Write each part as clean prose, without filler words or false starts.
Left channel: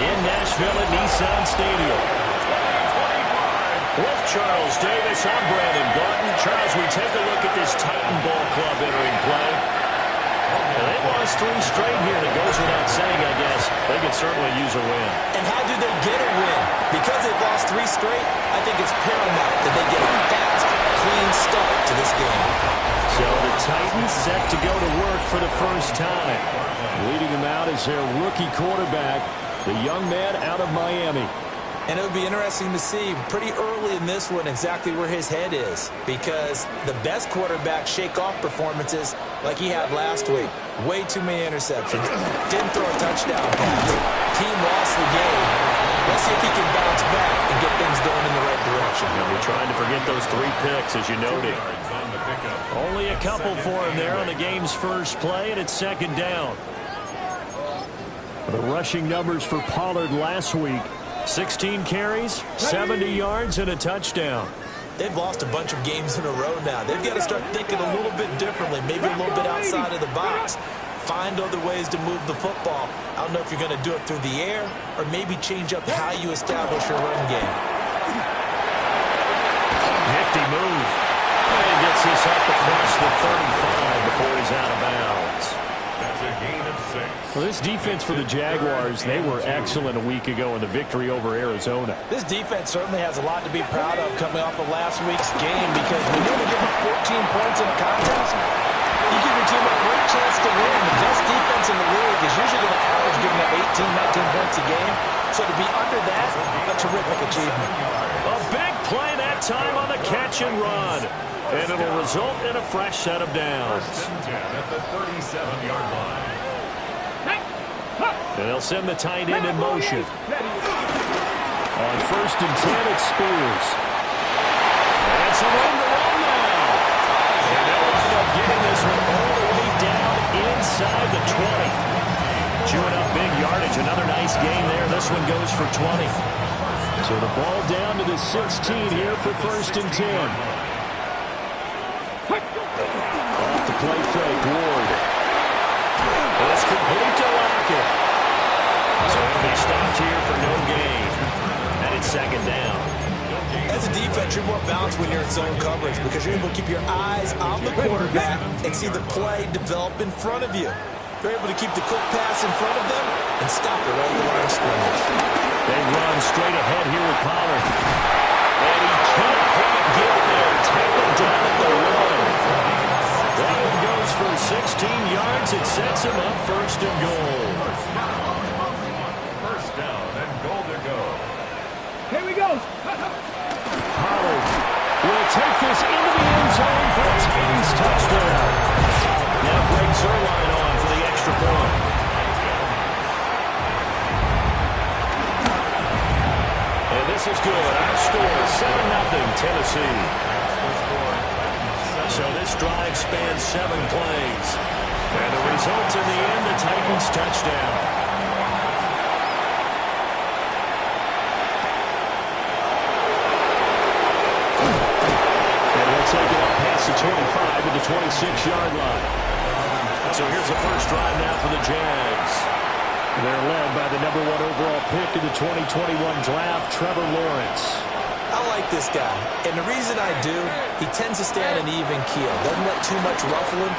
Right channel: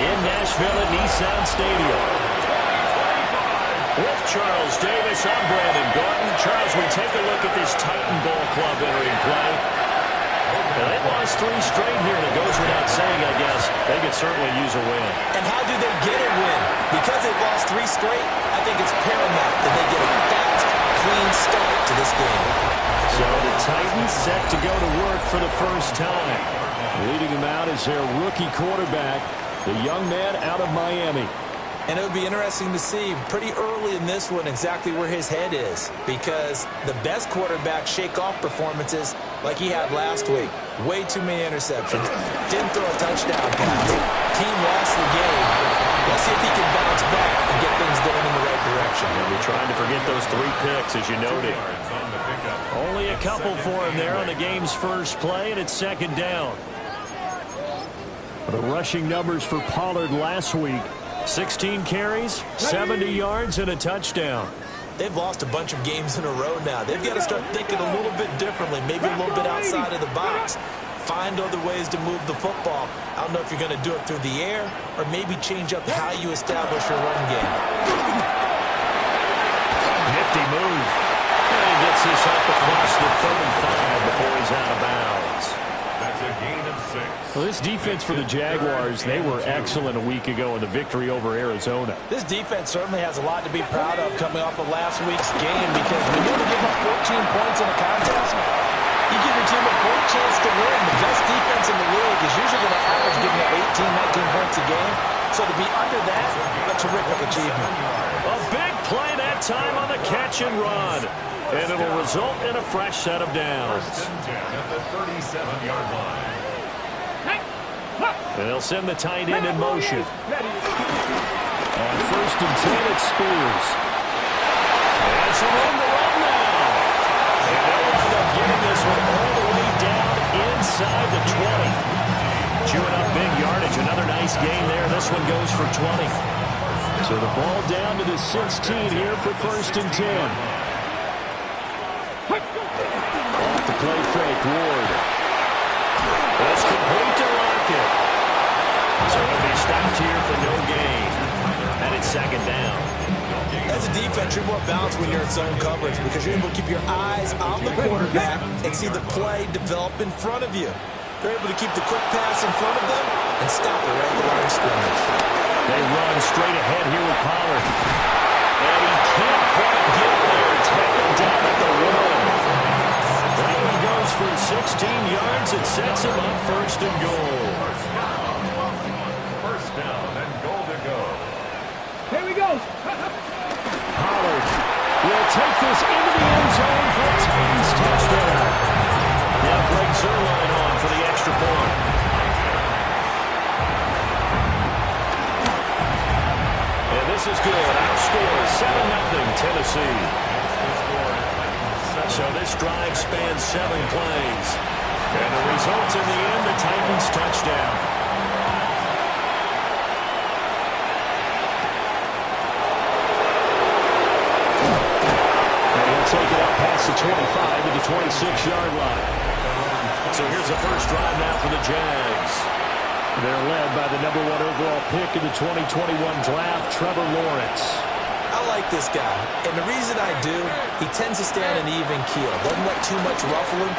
in Nashville at Nissan Stadium. With Charles Davis, I'm Brandon Gaughton. Charles, we take a look at this Titan Ball Club entering play. And they lost 3 straight here, and it goes without saying, I guess. They could certainly use a win. And how do they get a win? Because they've lost 3 straight, I think it's paramount that they get a fast, clean start to this game. So the Titans set to go to work for the first time. Leading them out is their rookie quarterback, the young man out of Miami. And it would be interesting to see pretty early in this one exactly where his head is, because the best quarterbacks shake off performances like he had last week. Way too many interceptions. Didn't throw a touchdown pass. Team lost the game. Let's see if he can bounce back and get things going in the right direction. You'll be trying to forget those 3 picks, as you noted. Only a couple for him there on the game's first play, and it's second down. The rushing numbers for Pollard last week. 16 carries, 70 yards, and a touchdown. They've lost a bunch of games in a row now. They've got to start thinking a little bit differently, maybe a little bit outside of the box. Find other ways to move the football. I don't know if you're going to do it through the air or maybe change up how you establish your run game. Nifty move. And he gets this up across the 35 before he's out of bounds. That's a gain of 6. Well, this defense for the Jaguars, they were excellent a week ago in the victory over Arizona. This defense certainly has a lot to be proud of coming off of last week's game, because when you only give up 14 points in a contest, you give your team a great chance to win. The best defense in the league is usually going to average giving up 18, 19 points a game. So to be under that, a terrific achievement. A big play that time on the catch and run. And it'll result in a fresh set of downs. First and 10 at the 37-yard line. And they'll send the tight end in motion. On first and 10, it's Spears. And some room to run now. And they'll wind up getting this one all the way down inside the 20. Chewing up big yardage. Another nice gain there. This one goes for 20. So the ball down to the 16 here for first and 10. Off the play fake, Ward. It's complete to Lockett. So he'll be stopped here for no gain. And it's second down. As a defense, you're more balanced when you're in zone coverage because you're able to keep your eyes on the quarterback and see the play develop in front of you. They're able to keep the quick pass in front of them and stop it right at the line of scrimmage. They run straight ahead here with Pollard. And he can't quite get there. Tackled down at the 1. That one goes for 16 yards. It sets him up first and goal. First down and goal to go. Here we go. Pollard will take this into the end zone for a Titans touchdown. Now Greg Zuerlein on for the extra point. And this is good. Our score, 7-0 Tennessee. So this drive spans 7 plays. And the result in the end, the Titans touchdown. And he'll take it up past the 25 to the 26-yard line. So here's the first drive now for the Jags. They're led by the #1 overall pick in the 2021 draft, Trevor Lawrence. I like this guy, and the reason I do, he tends to stay on an even keel. Doesn't let too much ruffle him.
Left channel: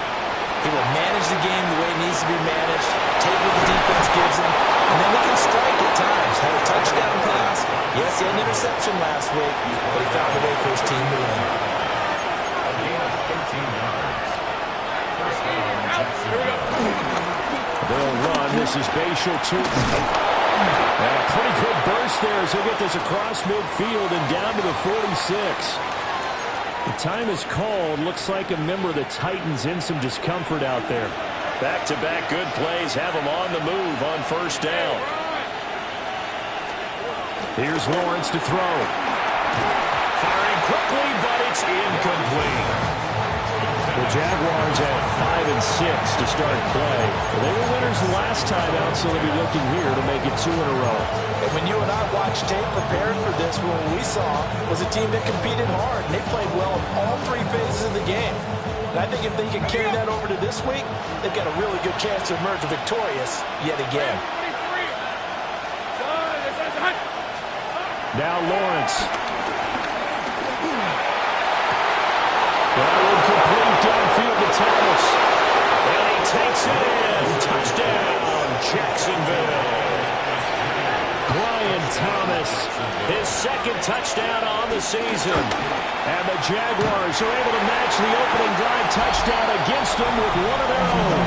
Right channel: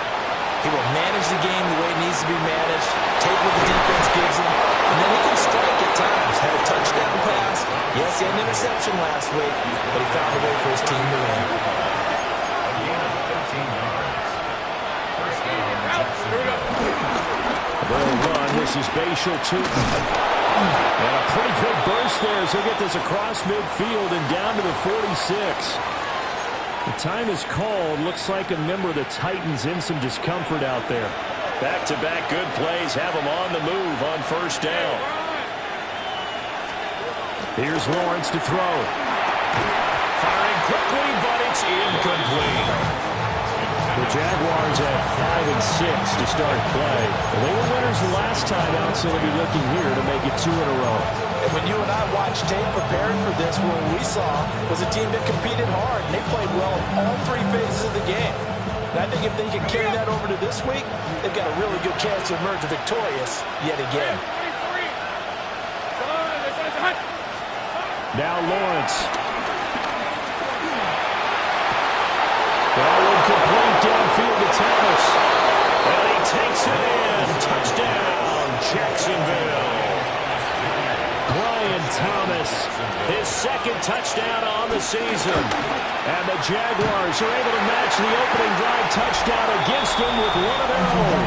He will manage the game the way it needs to be managed, take what the defense gives him, and then he can strike at times. Had a touchdown pass. Yes, he had an interception last week, but he found a way for his team to win. A gain of 13 yards. First down. Here we go. They'll run. This is Bashal Tootin. And a pretty good burst there as he'll get this across midfield and down to the 46. The time is called. Looks like a member of the Titans in some discomfort out there. Back-to-back good plays have him on the move on first down. Here's Lawrence to throw. Firing quickly, but it's incomplete. The Jaguars have 5 and 6 to start play. They were winners the last time out, so they'll be looking here to make it 2 in a row. And when you and I watched tape preparing for this, what we saw was a team that competed hard, and they played well in all 3 phases of the game. And I think if they can carry that over to this week, they've got a really good chance to emerge victorious yet again. Now Lawrence. That one complete downfield to Thomas. And he takes it in. Touchdown, Jacksonville. Brian Thomas, his second touchdown on the season. And the Jaguars are able to match the opening drive touchdown against them with one of their own.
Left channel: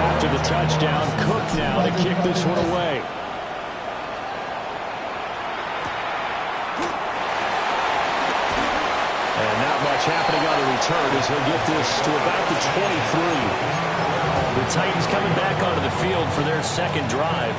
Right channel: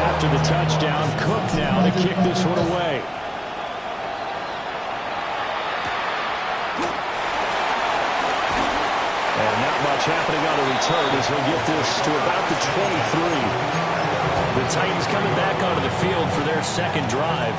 After the touchdown, Cook now to kick this one away. And not much happening on the return as he'll get this to about the 23. The Titans coming back onto the field for their second drive.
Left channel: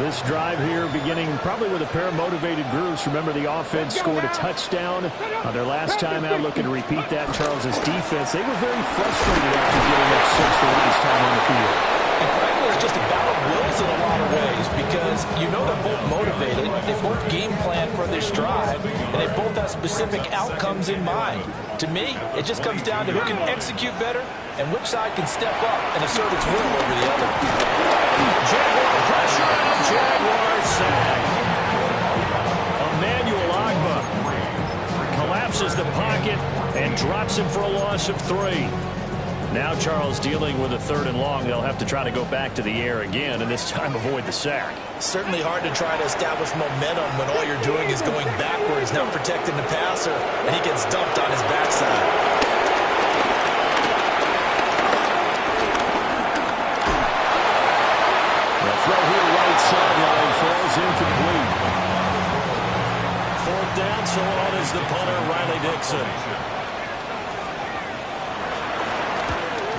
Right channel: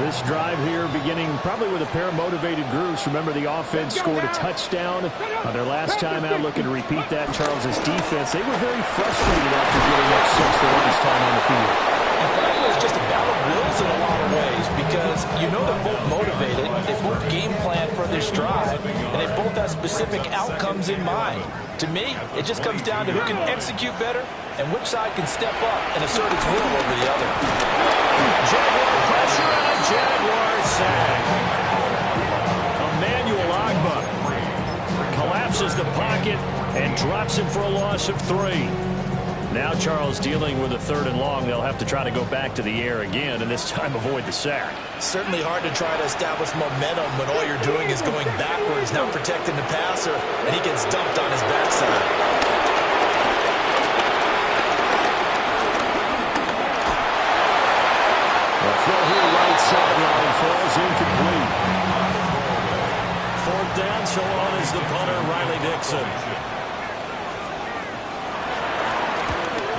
This drive here beginning probably with a pair of motivated groups. Remember, the offense scored a touchdown on their last time out, looking to repeat that. Charles's defense, they were very frustrated after giving up 6 the last time on the field. And frankly, it's just a battle of wills in a lot of ways because you know they're both motivated, they both game plan for this drive, and they both have specific outcomes in mind. To me, it just comes down to who can execute better and which side can step up and assert its will over the other. Jaguar pressure and a Jaguar sack. Emmanuel Agba collapses the pocket and drops him for a loss of 3. Now Charles dealing with a 3rd and long. They'll have to try to go back to the air again and this time avoid the sack. Certainly hard to try to establish momentum when all you're doing is going backwards, now protecting the passer, and he gets dumped on his backside. The throw here right sideline falls incomplete. 4th down, so on is the punter, Riley Dixon.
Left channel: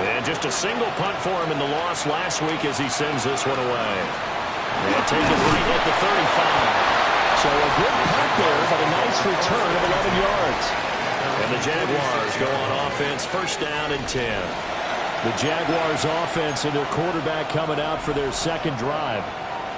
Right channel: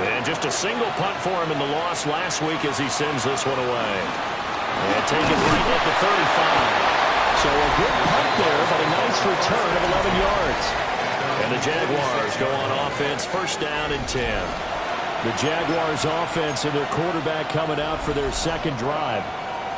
And just a single punt for him in the loss last week as he sends this one away. And take it right at the 35. So a good punt there, but a nice return of 11 yards. And the Jaguars go on offense, 1st down and 10. The Jaguars offense and their quarterback coming out for their second drive.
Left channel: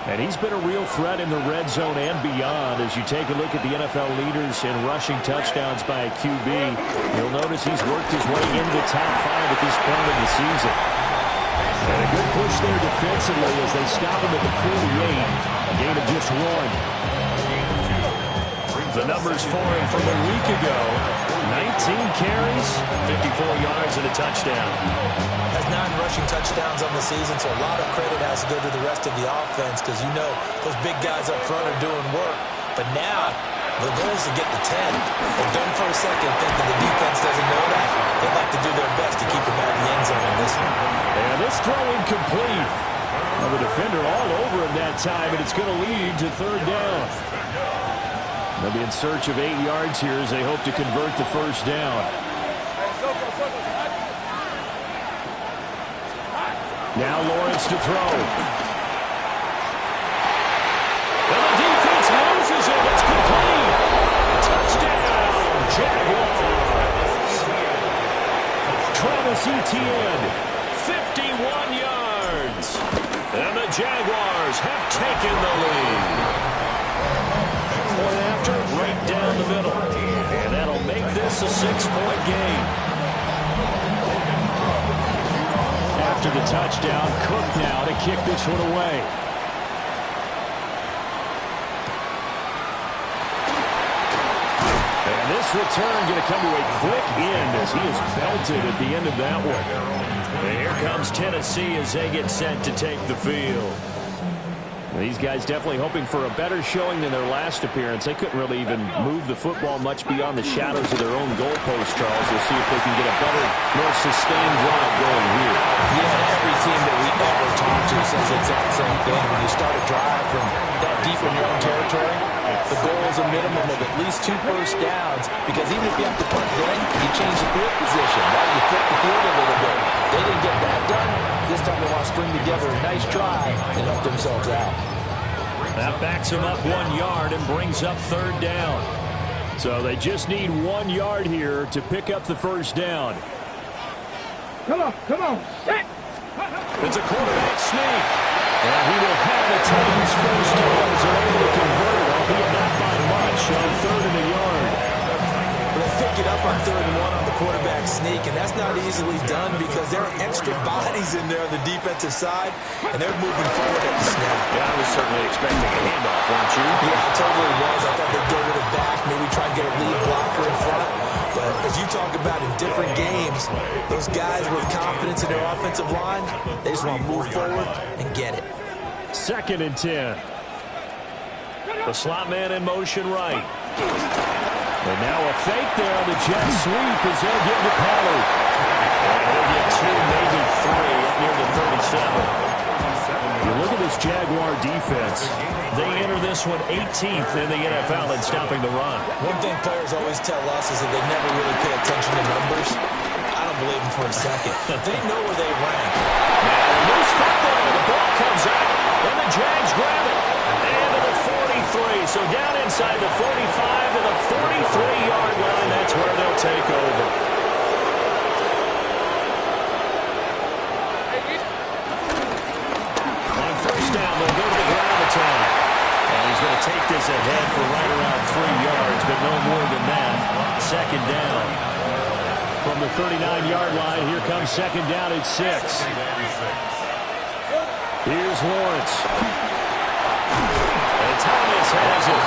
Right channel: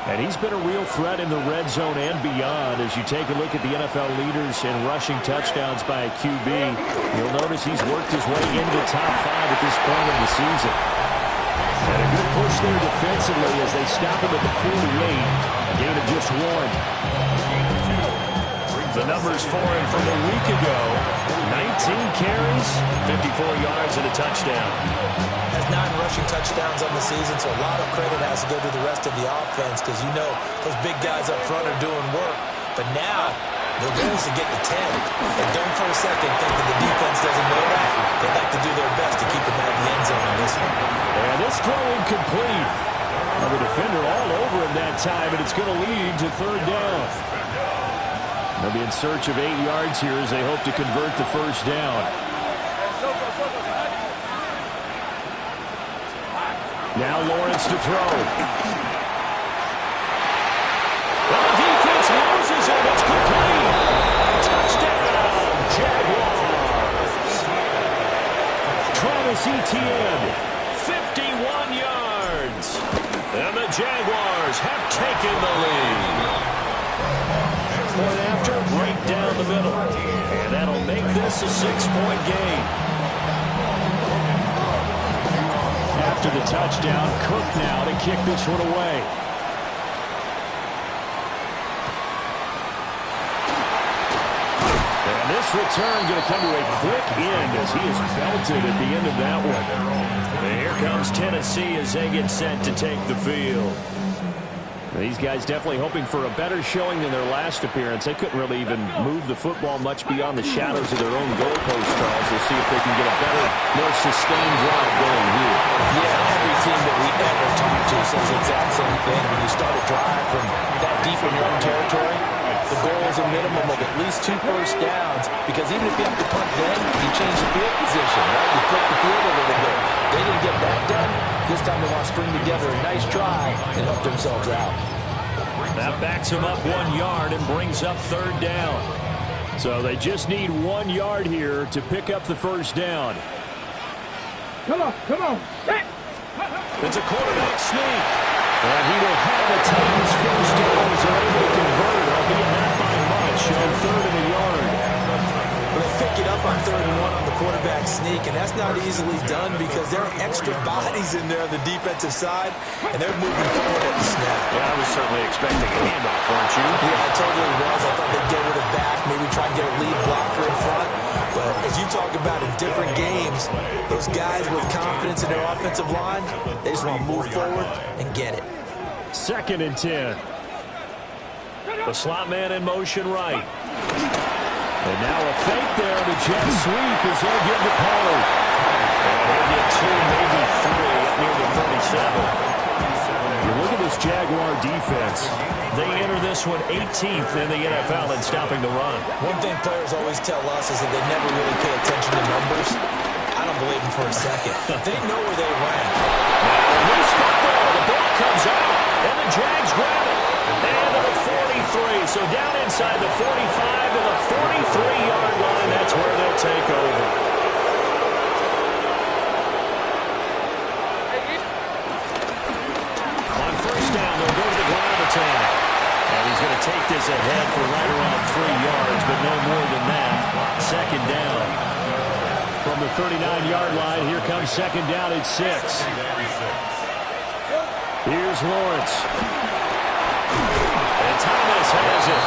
And he's been a real threat in the red zone and beyond. As you take a look at the NFL leaders in rushing touchdowns by a QB, you'll notice he's worked his way into the top 5 at this point in the season. And a good push there defensively as they stop him at the 48. A gain of just 1. The numbers for him from a week ago: 19 carries, 54 yards, and a touchdown. Has 9 rushing touchdowns on the season, so a lot of credit has to go to the rest of the offense because you know those big guys up front are doing work. But now the goal is to get to 10. And don't for a second think that the defense doesn't know that. They'd like to do their best to keep him out of the end zone in this one. And this throw incomplete. Well, the defender all over him that time, and it's going to lead to 3rd down. They'll be in search of 8 yards here as they hope to convert the 1st down. Now Lawrence to throw. Well, the defense loses it. It's complete. Touchdown, Jaguars. Travis Etienne, 51 yards. And the Jaguars have taken the lead. Point after, right down the middle. And that'll make this a 6-point game. After the touchdown, Cook now to kick this one away. And this return going to come to a quick end as he is belted at the end of that one. And here comes Tennessee as they get set to take the field. These guys definitely hoping for a better showing than their last appearance. They couldn't really even move the football much beyond the shadows of their own goalpost, Charles. They'll see if they can get a better, more sustained drive going here. Yeah, every team that we ever talk to says the exact same thing. When you start a drive from that deep in your own territory, the goal is a minimum of at least 2 first downs, because even if you have to punt then, you change the field position, right? You flip the field a little bit. They didn't get that done. This time they want to string together a nice drive and help themselves out. That backs them up 1 yard and brings up 3rd down. So they just need 1 yard here to pick up the 1st down. Come on, come on. Set. It's a quarterback sneak. And he will have the Titans 1st down as they're able to convert, albeit not by much, on 3rd and a yard. Well, they pick it up on 3rd and 1 on the quarterback sneak, and that's not easily done because there are extra bodies in there on the defensive side, and they're moving forward at the snap. Yeah, I was certainly expecting a handoff, weren't you? Yeah, I totally was. I thought they'd go with it back, maybe try and get a lead blocker in front. But as you talk about in different games, those guys with confidence in their offensive line, they just want to move forward and get it. 2nd and 10. The slot man in motion right. And now a fake there on the jet sweep as they'll get to Pollard. And he'll get 2, maybe 3 up near the 37. You look at this Jaguar defense. They enter this one 18th in the NFL in stopping the run. One thing players always tell us is that they never really pay attention to numbers. I don't believe them for a second. They know where they rank. Now a loose football. The ball comes out, and the Jags grab it. And to the 43. So down inside the 45 to the 43-yard line. That's where they'll take over. On 1st down, they'll go to the ground attack. And he's going to take this ahead for right around 3 yards, but no more than that. 2nd down. From the 39-yard line, here comes 2nd down at 6. Here's Lawrence. And Thomas has it.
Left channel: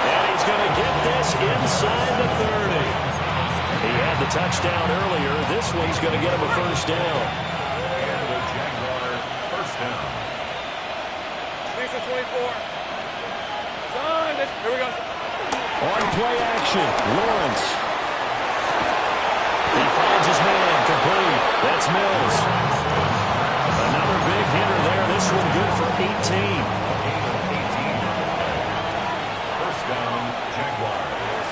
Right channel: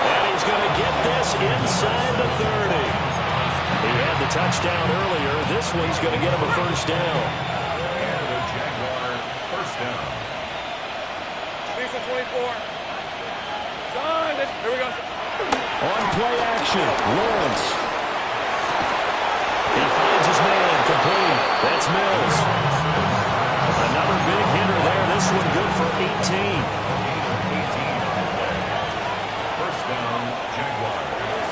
And he's going to get this inside the 30. He had the touchdown earlier. This one's going to get him a 1st down. And the Jaguar 1st down. Lisa 24. Son, here we go. On play action, Lawrence. He finds his man, complete. That's Mills. Another big hitter there. This one good for 18. A gain of 18 on the play. 1st down, Jaguars.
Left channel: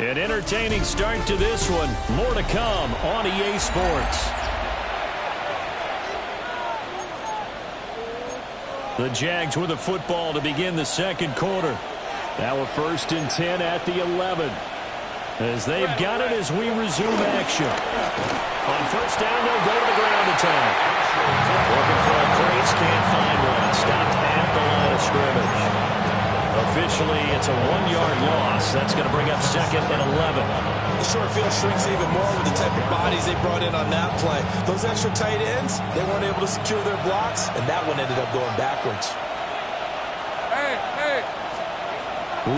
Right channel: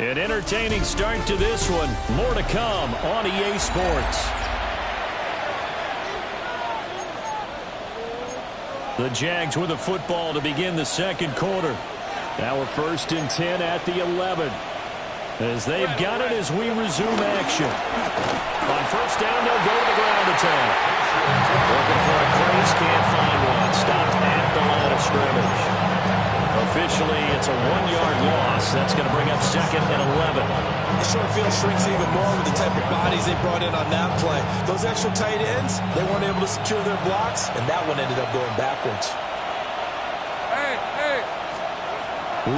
An entertaining start to this one. More to come on EA Sports. The Jags with the football to begin the 2nd quarter. Now a 1st and 10 at the 11. As they've got it as we resume action. On 1st down, they'll go to the ground attack. Looking for a crease, can't find one. Stopped at the line of scrimmage. Officially, it's a 1-yard loss. That's going to bring up 2nd and 11. The short field shrinks even more with the type of bodies they brought in on that play. Those extra tight ends, they weren't able to secure their blocks, and that one ended up going backwards. Hey.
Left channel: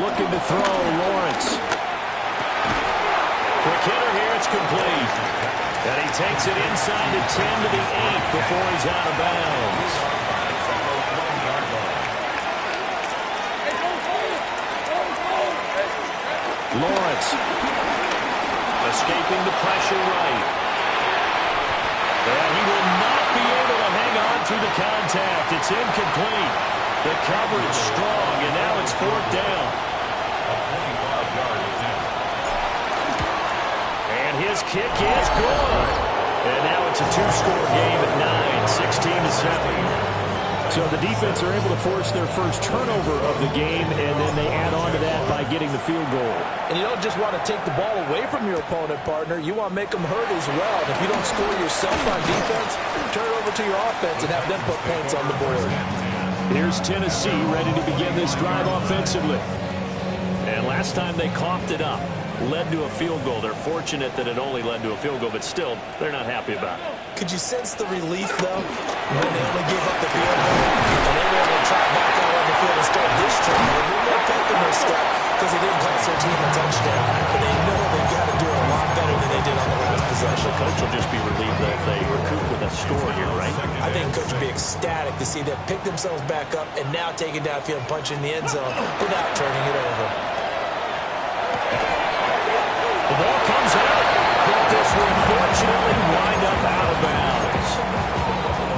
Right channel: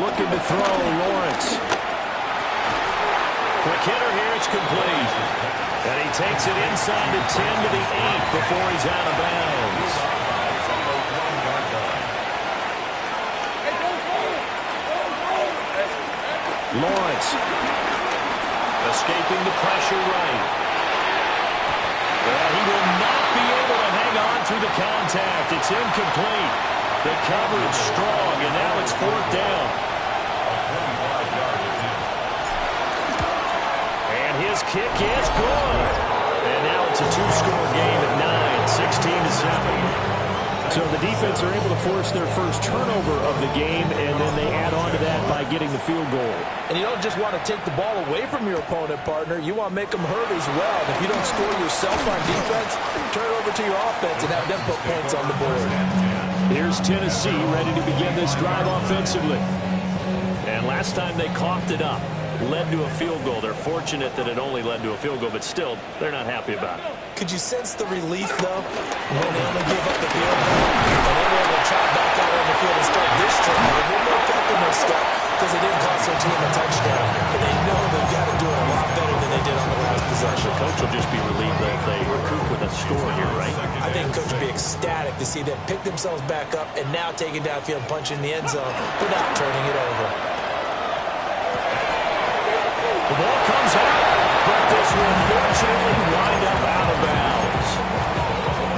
Looking to throw, Lawrence. Quick hitter here, it's complete. And he takes it inside the 10 to the 8 before he's out of bounds. Lawrence escaping the pressure right. And he will not be able to hang on through the contact. It's incomplete. The coverage strong, and now it's 4th down. A 25-yard attempt. And his kick is good. And now it's a 2-score game at 9, 16-7. So the defense are able to force their first turnover of the game, and then they add on to that by getting the field goal. And you don't just want to take the ball away from your opponent, partner. You want to make them hurt as well. And if you don't score yourself on defense, turn it over to your offense and have them put points on the board. Here's Tennessee ready to begin this drive offensively. And last time they coughed it up, led to a field goal. They're fortunate that it only led to a field goal, but still, they're not happy about it. Could you sense the relief, though, when they only gave up the field goal and they were able to trot back out on the field and start this drive? A little more pep in their step because they didn't cost their team a touchdown. But they know they've got to do it a lot better than they did on the last possession. The coach will just be relieved that if they recoup with a score here, right? I think coach will be ecstatic to see them pick themselves back up and now take it downfield and punch in the end zone without turning it over. The ball comes out, but this will fortunately wind up out of bounds.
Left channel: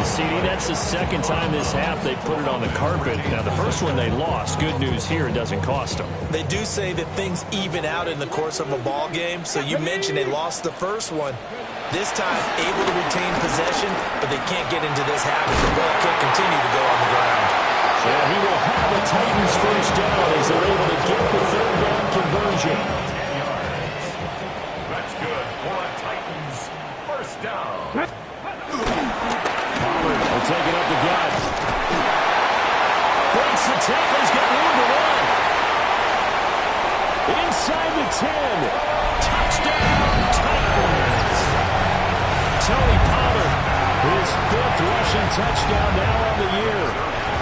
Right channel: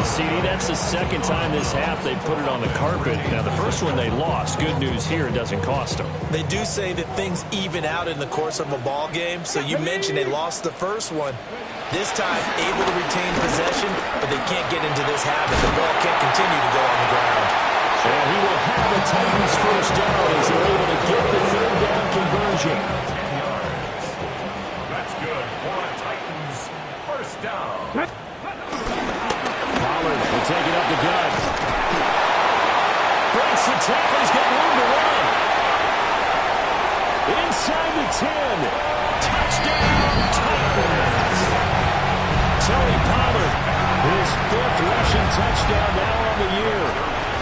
CD, that's the second time this half they put it on the carpet. Now, the first one they lost. Good news here, it doesn't cost them. They do say that things even out in the course of a ball game. So you mentioned they lost the first one. This time, able to retain possession, but they can't get into this habit. The ball can't continue to go on the ground. And he will have the Titans first down as they're able to get the third down conversion. 10 yards. That's good for a Titans first down. Pollard will take it up the gut. Breaks the tackle. He's got room to run. Inside the 10. Touchdown, Titans. Tony Pollard, his 5th rushing touchdown now on the year.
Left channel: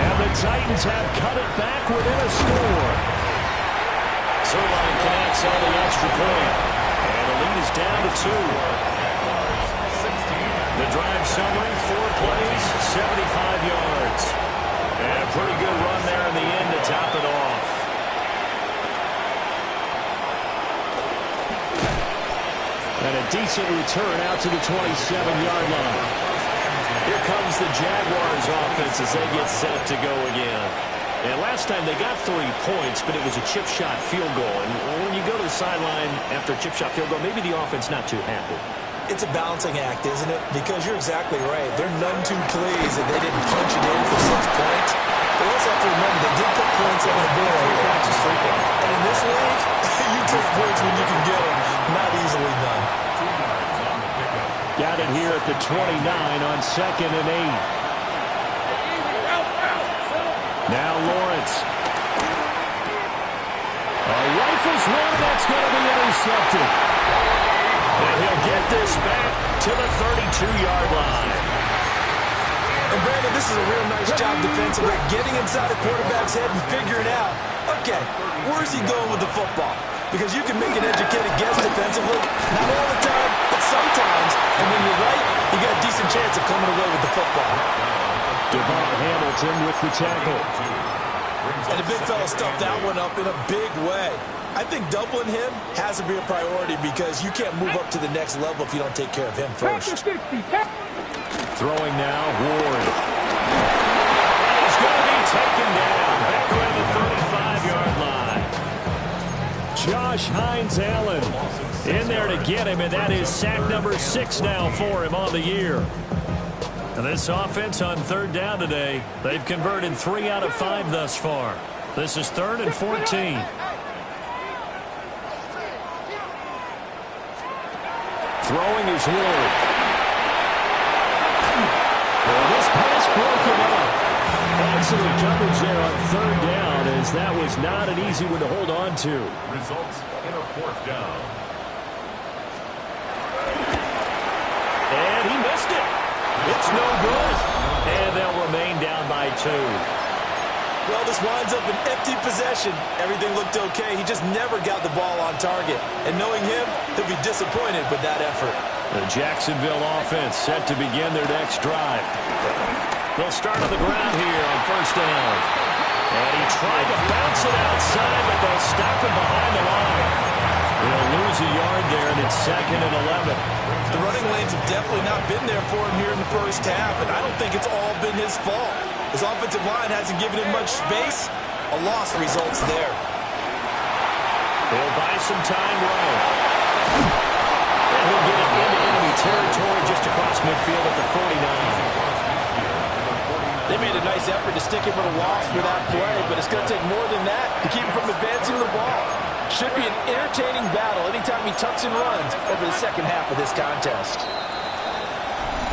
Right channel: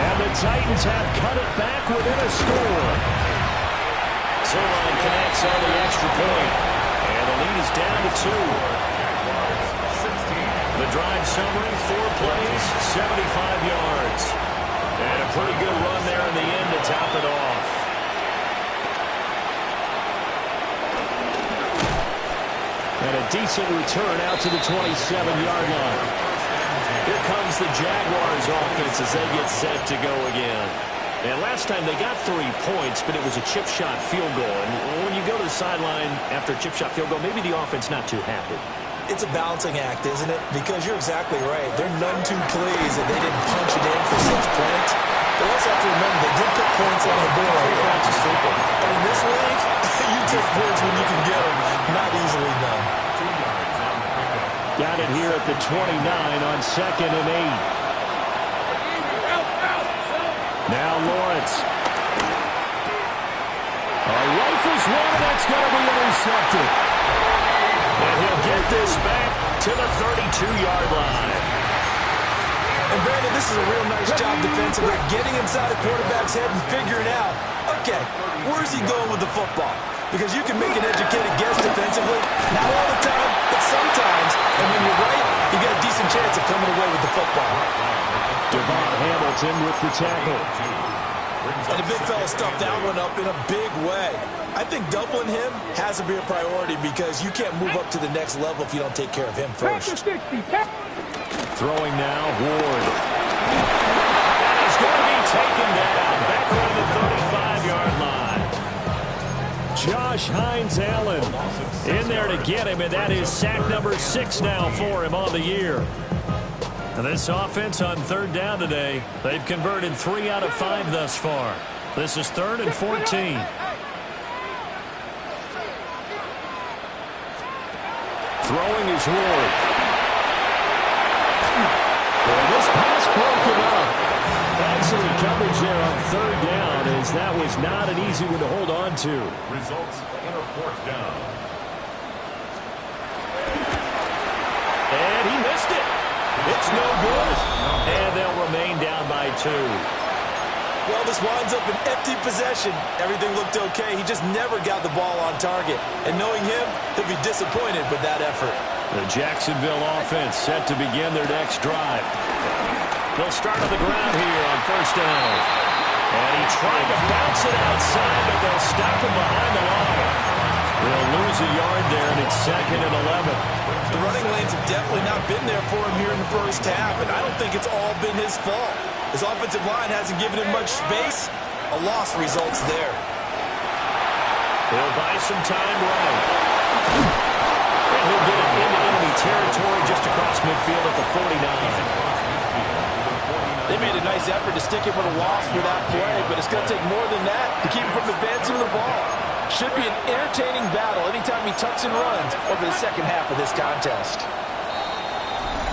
And the Titans have cut it back within a score. Zerline connects on the extra point. And the lead is down to 2. The drive summary, 4 plays, 75 yards. And a pretty good run there in the end to top it off. And a decent return out to the 27-yard line. Here comes the Jaguars offense as they get set to go again. And last time they got 3 points, but it was a chip shot field goal. And when you go to the sideline after a chip shot field goal, maybe the offense not too happy. It's a balancing act, isn't it? Because you're exactly right. They're none too pleased that they didn't punch it in for 6 points. But also have to remember they did put points on the board. 3 points is 3 points. And in this league, you take points when you can get them. Not easily done. 2 yards on the pickup. Got it here at the 29 on 2nd and 8. Now Lawrence. Rifles one, that's going to be intercepted. And he'll get this back to the 32-yard line. And Brandon, this is a real nice job defensively, getting inside a quarterback's head and figuring out, okay, where's he going with the football? Because you can make an educated guess defensively, not all the time, but sometimes. And when you're right, you got a decent chance of coming away with the football. Devon Hamilton with the tackle. And the big fella stuffed that one up in a big way. I think doubling him has to be a priority because you can't move up to the next level if you don't take care of him first. Throwing now, Ward. And he's going to be taken down back around the 35-yard line. Josh Hines-Allen in there to get him, and that is sack number 6 now for him on the year. And this offense on 3rd down today, they've converted 3 out of 5 thus far. This is 3rd and 14. Throwing is Ward. And this pass broken up. Excellent coverage there on 3rd down, as that was not an easy one to hold on to. Results in a 4th down. And he missed it. It's no good. And they'll remain down by 2. Well, this winds up an empty possession. Everything looked okay. He just never got the ball on target. And knowing him, he'll be disappointed with that effort. The Jacksonville offense set to begin their next drive. They'll start on the ground here on 1st down. And he tried to bounce it outside, but they'll stop him behind the line. They'll lose a yard there, and it's 2nd and 11. The running lanes have definitely not been there for him here in the first half, and I don't think it's all been his fault. His offensive line hasn't given him much space. A loss results there. He'll buy some time right. And he'll get it into enemy territory just across midfield at the 49. They made a nice effort to stick him with a loss for that play, but it's going to take more than that to keep him from advancing the ball. Should be an entertaining battle anytime he tucks and runs over the second half of this contest.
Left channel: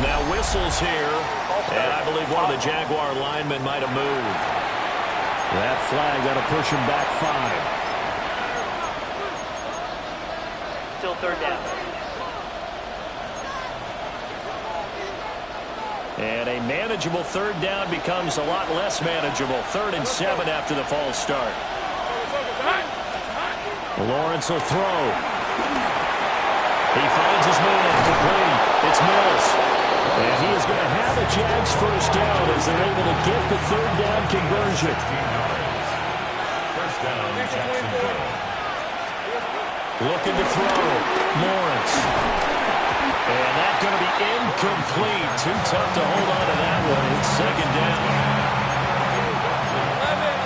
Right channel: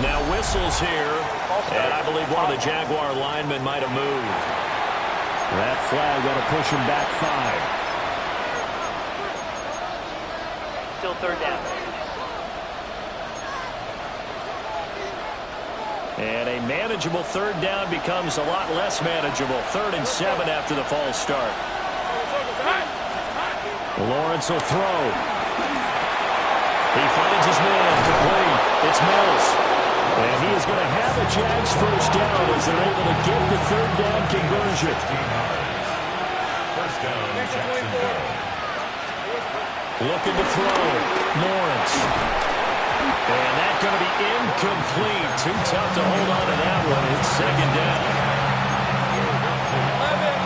Now whistles here, and I believe one of the Jaguar linemen might have moved. That flag, that'll push him back 5. Still 3rd down. And a manageable 3rd down becomes a lot less manageable. 3rd and 7 after the false start. Lawrence will throw. He finds his man complete. It's Mills. And he is going to have a Jags 1st down as they're able to get the 3rd down conversion. 15 yards. 1st down, Jacksonville. Looking to throw. Lawrence. And that's going to be incomplete. Too tough to hold on to that one. It's 2nd down. 11.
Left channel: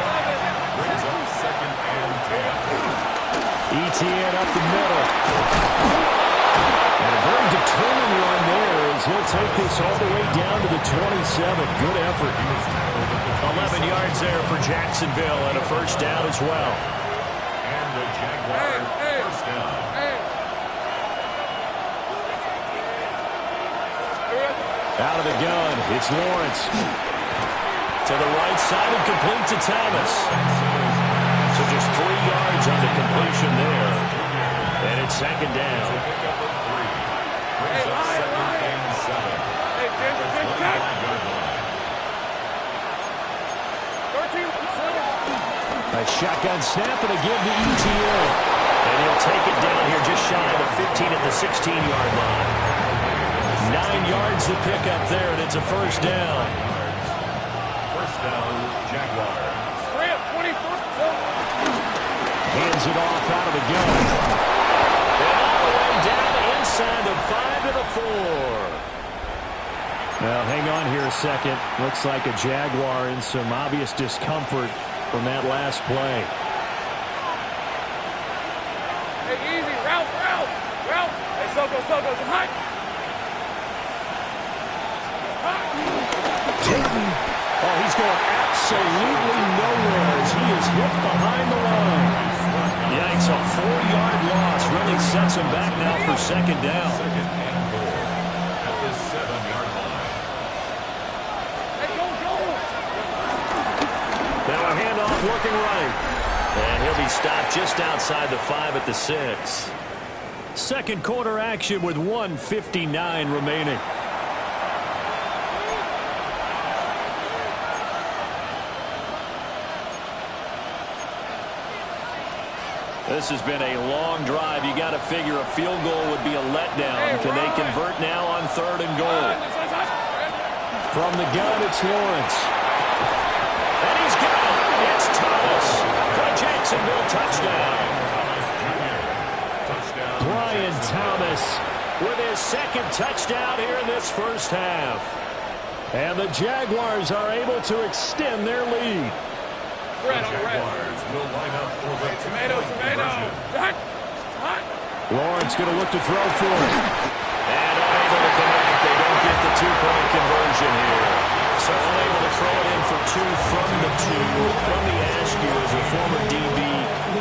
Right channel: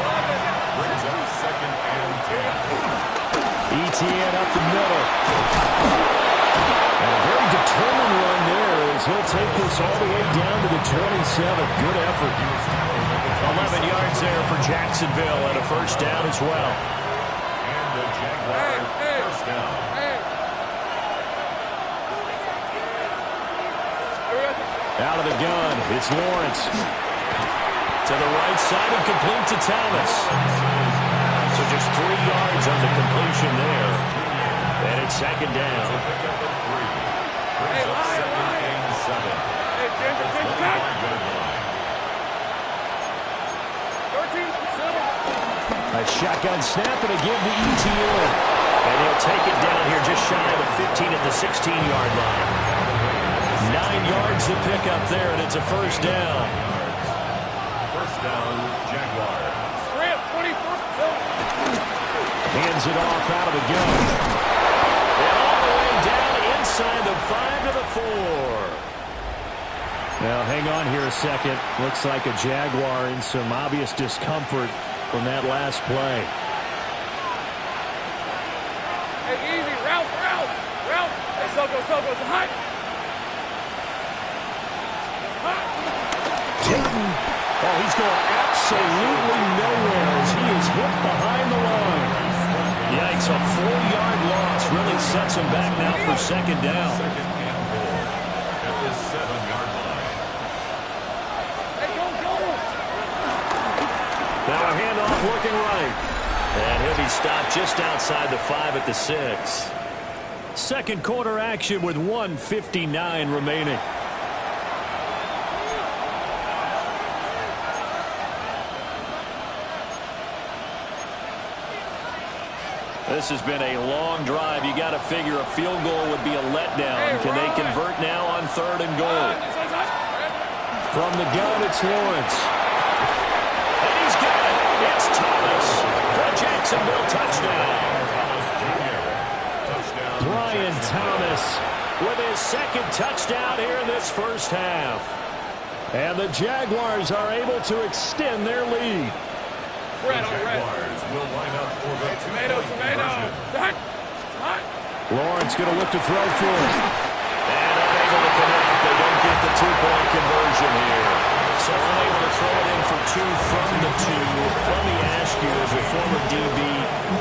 Brings up 2nd and 10. ETN up the middle. And a very determined run there as he'll take this all the way down to the 27. Good effort. 11 yards there for Jacksonville and a 1st down as well. And the Jaguars 1st down. Out of the gun, it's Lawrence. To the right side and complete to Thomas. So just 3 yards on the completion there. And it's second down. Hey, line. Hey, Ginger, catch. 13, 7. A shotgun snap and a give to ETN. And he'll take it down here just shy of the 15 at the 16-yard line. 9 yards to pick up there, and it's a first down. First down, Jaguars. 24. Hands it off out of the gun. And all the way down inside the 5 to the 4. Now, hang on here a second. Looks like a Jaguar in some obvious discomfort from that last play. Hey, easy. Route. Hey, Soko, hot. Oh, he's going absolutely nowhere as he is hit behind the line. Yikes, a 4-yard loss really sets him back now for second down. Second and goal at the 7-yard line. Hey, go. Now a handoff looking right. And he'll be stopped just outside the 5 at the 6. Second quarter action with 1:59 remaining. This has been a long drive. You got to figure a field goal would be a letdown. Can they convert now on 3rd and goal? From the gun, it's Lawrence. And he's got it. It's Thomas for a Jacksonville touchdown. Brian Thomas with his second touchdown here in this first half. And the Jaguars are able to extend their lead. The Jaguars will line up for the Tomato. Lawrence going to look to throw for it. And unable to connect. They don't get the 2-point conversion here. So unable to throw it in for 2 from the 2. Let me ask you, as a former DB,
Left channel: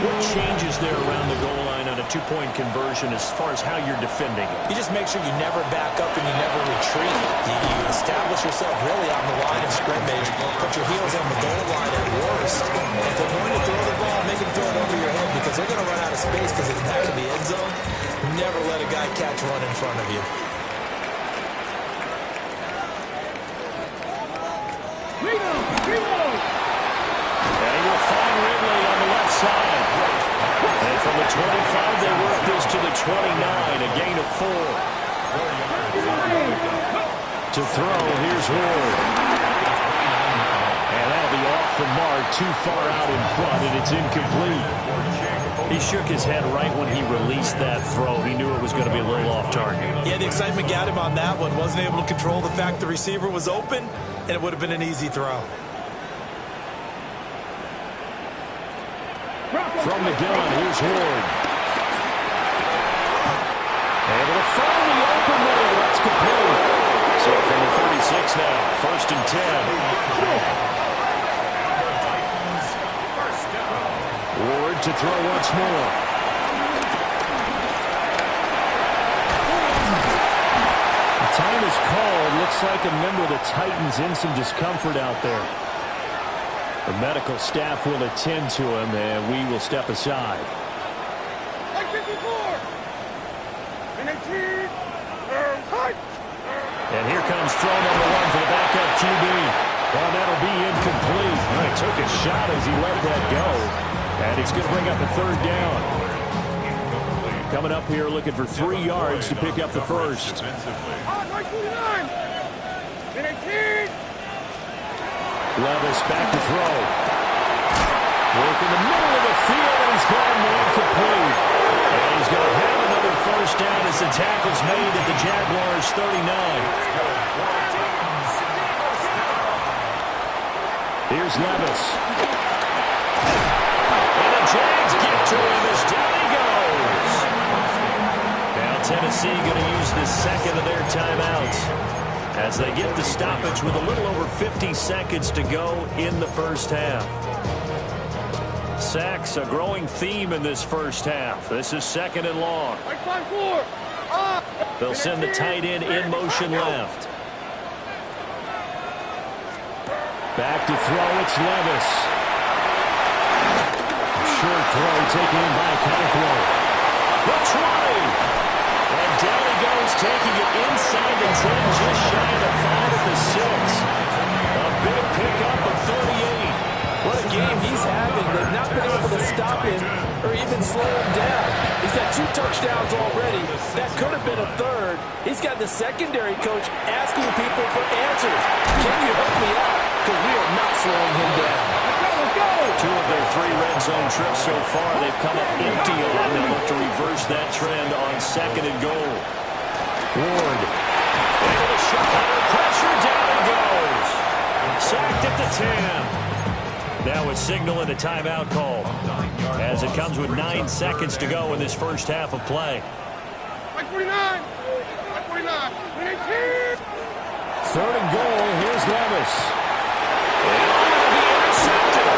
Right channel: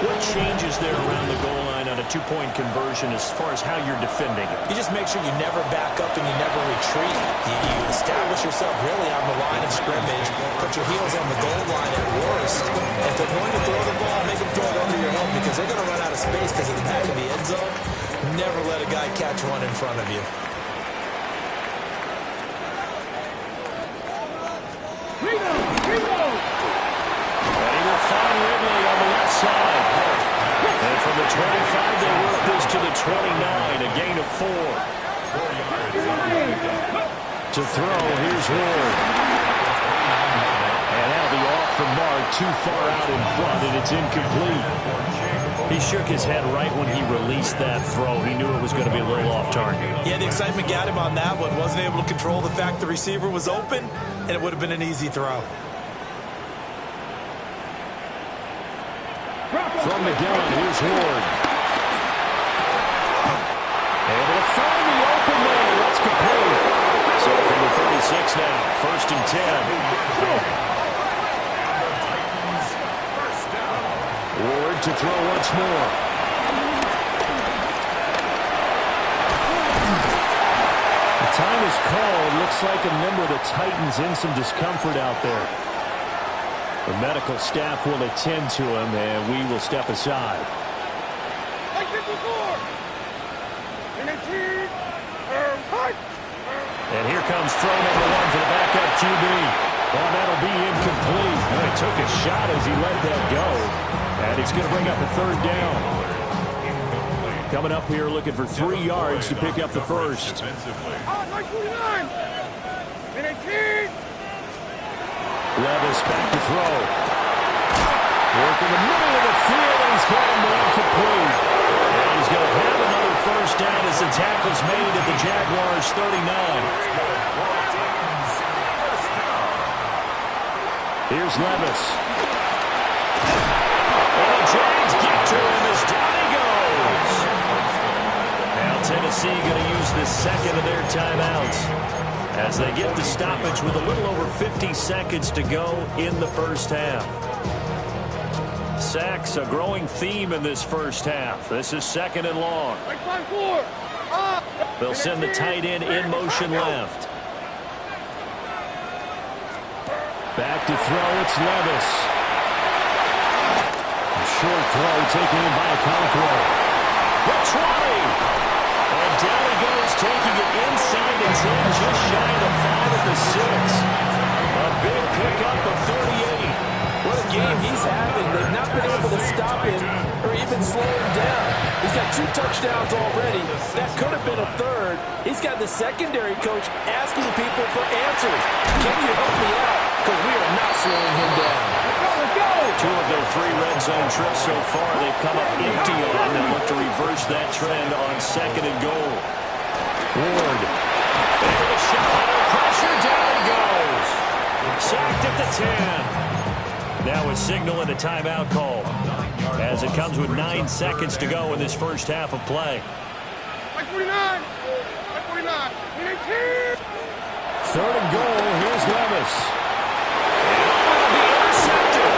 what changes there around the goal line on a 2-point conversion as far as how you're defending it? You just make sure you never back up and you never retreat. You establish yourself really on the line of scrimmage. Put your heels on the goal line at worst. And if they're going to throw the ball, make them throw it over your head because they're going to run out of space because of the back of the end zone. Never let a guy catch one in front of you. And he will find Ridley on the left side. And from the 25, they work this to the 29, a gain of 4. 4 yards. To throw, here's Ward. And that'll be off the mark, too far out in front, and it's incomplete. He shook his head right when he released that throw. He knew it was going to be a little off target. Yeah, the excitement got him on that one. Wasn't able to control the fact the receiver was open, and it would have been an easy throw. From the gun, here's Ward. Able to find the open man. That's complete. So from the 36 now, 1st and 10. Ward to throw once more. The time is called. Looks like a member of the Titans in some discomfort out there. The medical staff will attend to him, and we will step aside. Like 54. And here comes throw number 1 for the backup QB. Well, that'll be incomplete. Well, he took a shot as he let that go. And he's going to bring up a 3rd down. Coming up here looking for 3 yards to pick up the first. Levis back to throw. Work in the middle of the field, and he's got him incomplete. And he's going to have another first down as the tackle's made at the Jaguars' 39. Here's Levis. And the Jags get to him as down he goes. Now Tennessee going to use the second of their timeouts as they get the stoppage with a little over 50 seconds to go in the first half. Sacks, a growing theme in this first half. This is 2nd and long. They'll send the tight end in motion left. Back to throw, it's Levis. short throw taken in by Okonkwo. The 20. And down he goes, taking it inside the 10, just shy of the 5 at the 6. A big pickup of 38. What a game he's having. They've not been able to stop him or even slow him down. He's got 2 touchdowns already. That could have been a third. He's got the secondary coach asking people for answers. Can you help me out? Because we are not slowing him down. Let's go! 2 of their 3 red zone trips so far, they've come up empty on. They'll look to reverse that trend on 2nd and goal. Ward. Into the shot. Under pressure. Down he goes. Sacked at the 10. Now a signal and a timeout call as it comes with 9 seconds to go in this first half of play. Like 49! Like 49! 18! 3rd and goal. Here's Levis. And it'll be intercepted.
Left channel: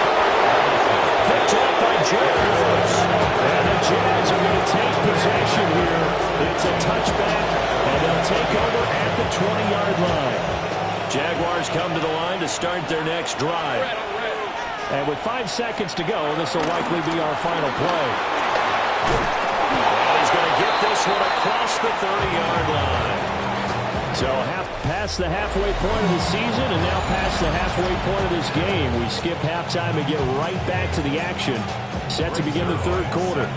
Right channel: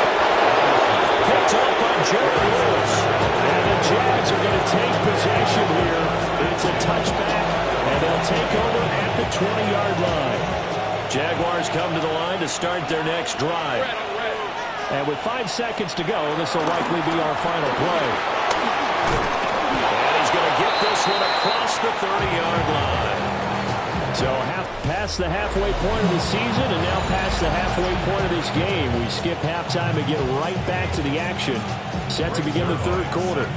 Picked up by Jordan Lewis. And the Jags are going to take possession here. It's a touchback, and they'll take over at the 20-yard line. Jaguars come to the line to start their next drive. And with 5 seconds to go, this will likely be our final play. And he's going to get this one across the 30-yard line. So past the halfway point of the season and now past the halfway point of this game. We skip halftime and get right back to the action. Set to begin the 3rd quarter.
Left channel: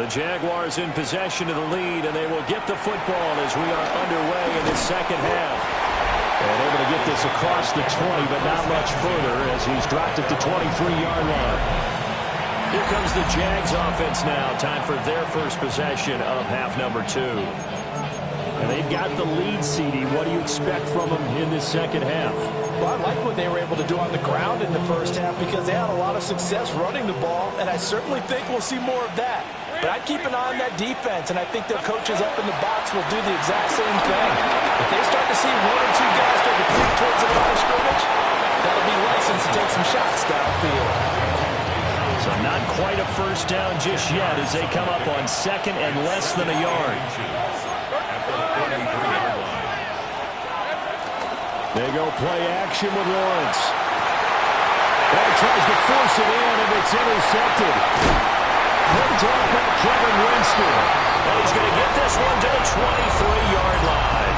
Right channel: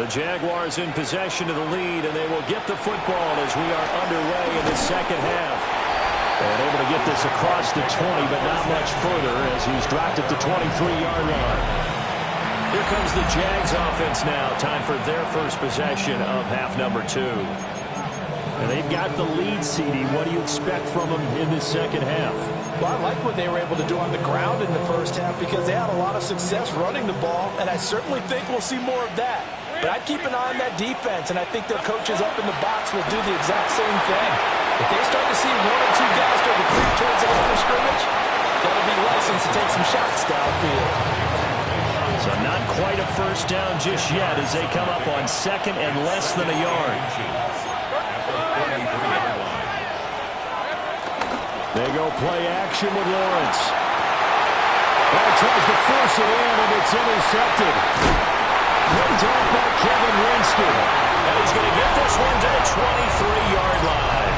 The Jaguars in possession of the lead, and they will get the football as we are underway in the second half. And able to get this across the 20, but not much further as he's dropped at the 23-yard line. Here comes the Jags offense now. Time for their first possession of half number 2. And they've got the lead, CD. What do you expect from them in this second half? Well, I like what they were able to do on the ground in the first half because they had a lot of success running the ball, and I certainly think we'll see more of that. But I'd keep an eye on that defense, and I think their coaches up in the box will do the exact same thing. If they start to see 1 or 2 guys start to creep towards the line of scrimmage, that'll be license to take some shots downfield. So not quite a first down just yet as they come up on 2nd and less than a yard. They go play action with Lawrence. Ball tries to force it in, and it's intercepted. Picked off by Kevin Winston. And he's going to get this one to the 23-yard line.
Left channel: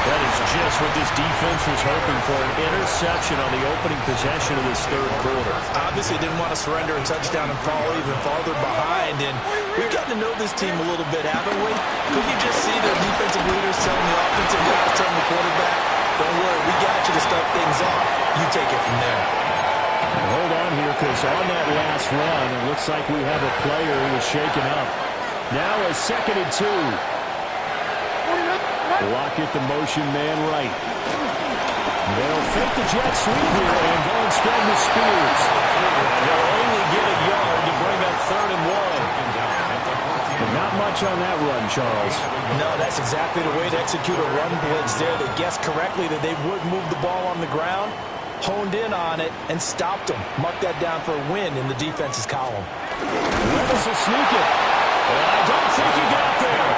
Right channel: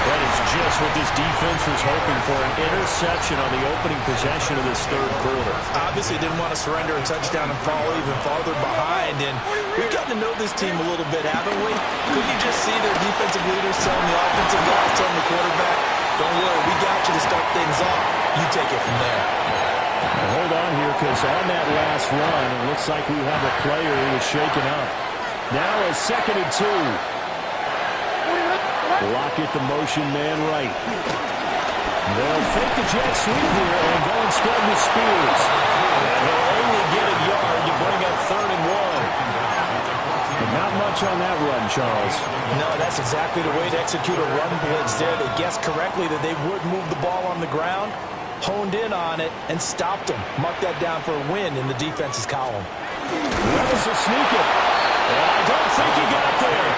That is just what this defense was hoping for, an interception on the opening possession of this 3rd quarter. Obviously didn't want to surrender a touchdown and fall even farther behind. And we've gotten to know this team a little bit, haven't we? Could you just see their defensive leaders telling the offensive guys, telling the quarterback, don't worry, we got you to start things off. You take it from there. And hold on here, because on that last run, it looks like we have a player who was shaken up. Now a 2nd and 2. Lockett the motion man right. They'll fake the jet sweep here and go instead with Spears. And they'll only get a yard to bring up 3rd and 1. And not much on that run, Charles. No, that's exactly the way to execute a run blitz there. They guessed correctly that they would move the ball on the ground, honed in on it, and stopped them. Mark that down for a win in the defense's column. Levis will sneak it. And I don't think he got there.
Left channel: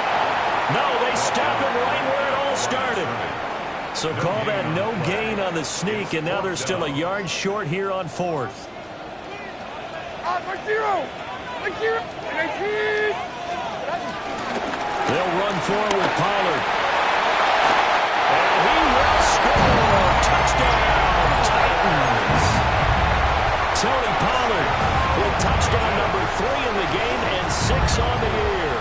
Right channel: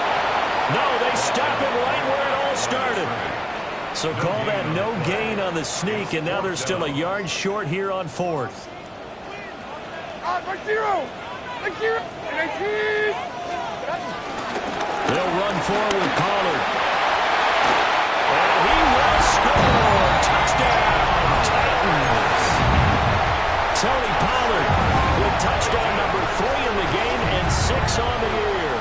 No, they stop him right where it all started. So call that no gain on the sneak, and now they're still a yard short here on 4th. Like 0! Like 0! 18! They'll run forward Pollard. And he will score. Touchdown, Titans. Tony Pollard with touchdown number 3 in the game and 6 on the year.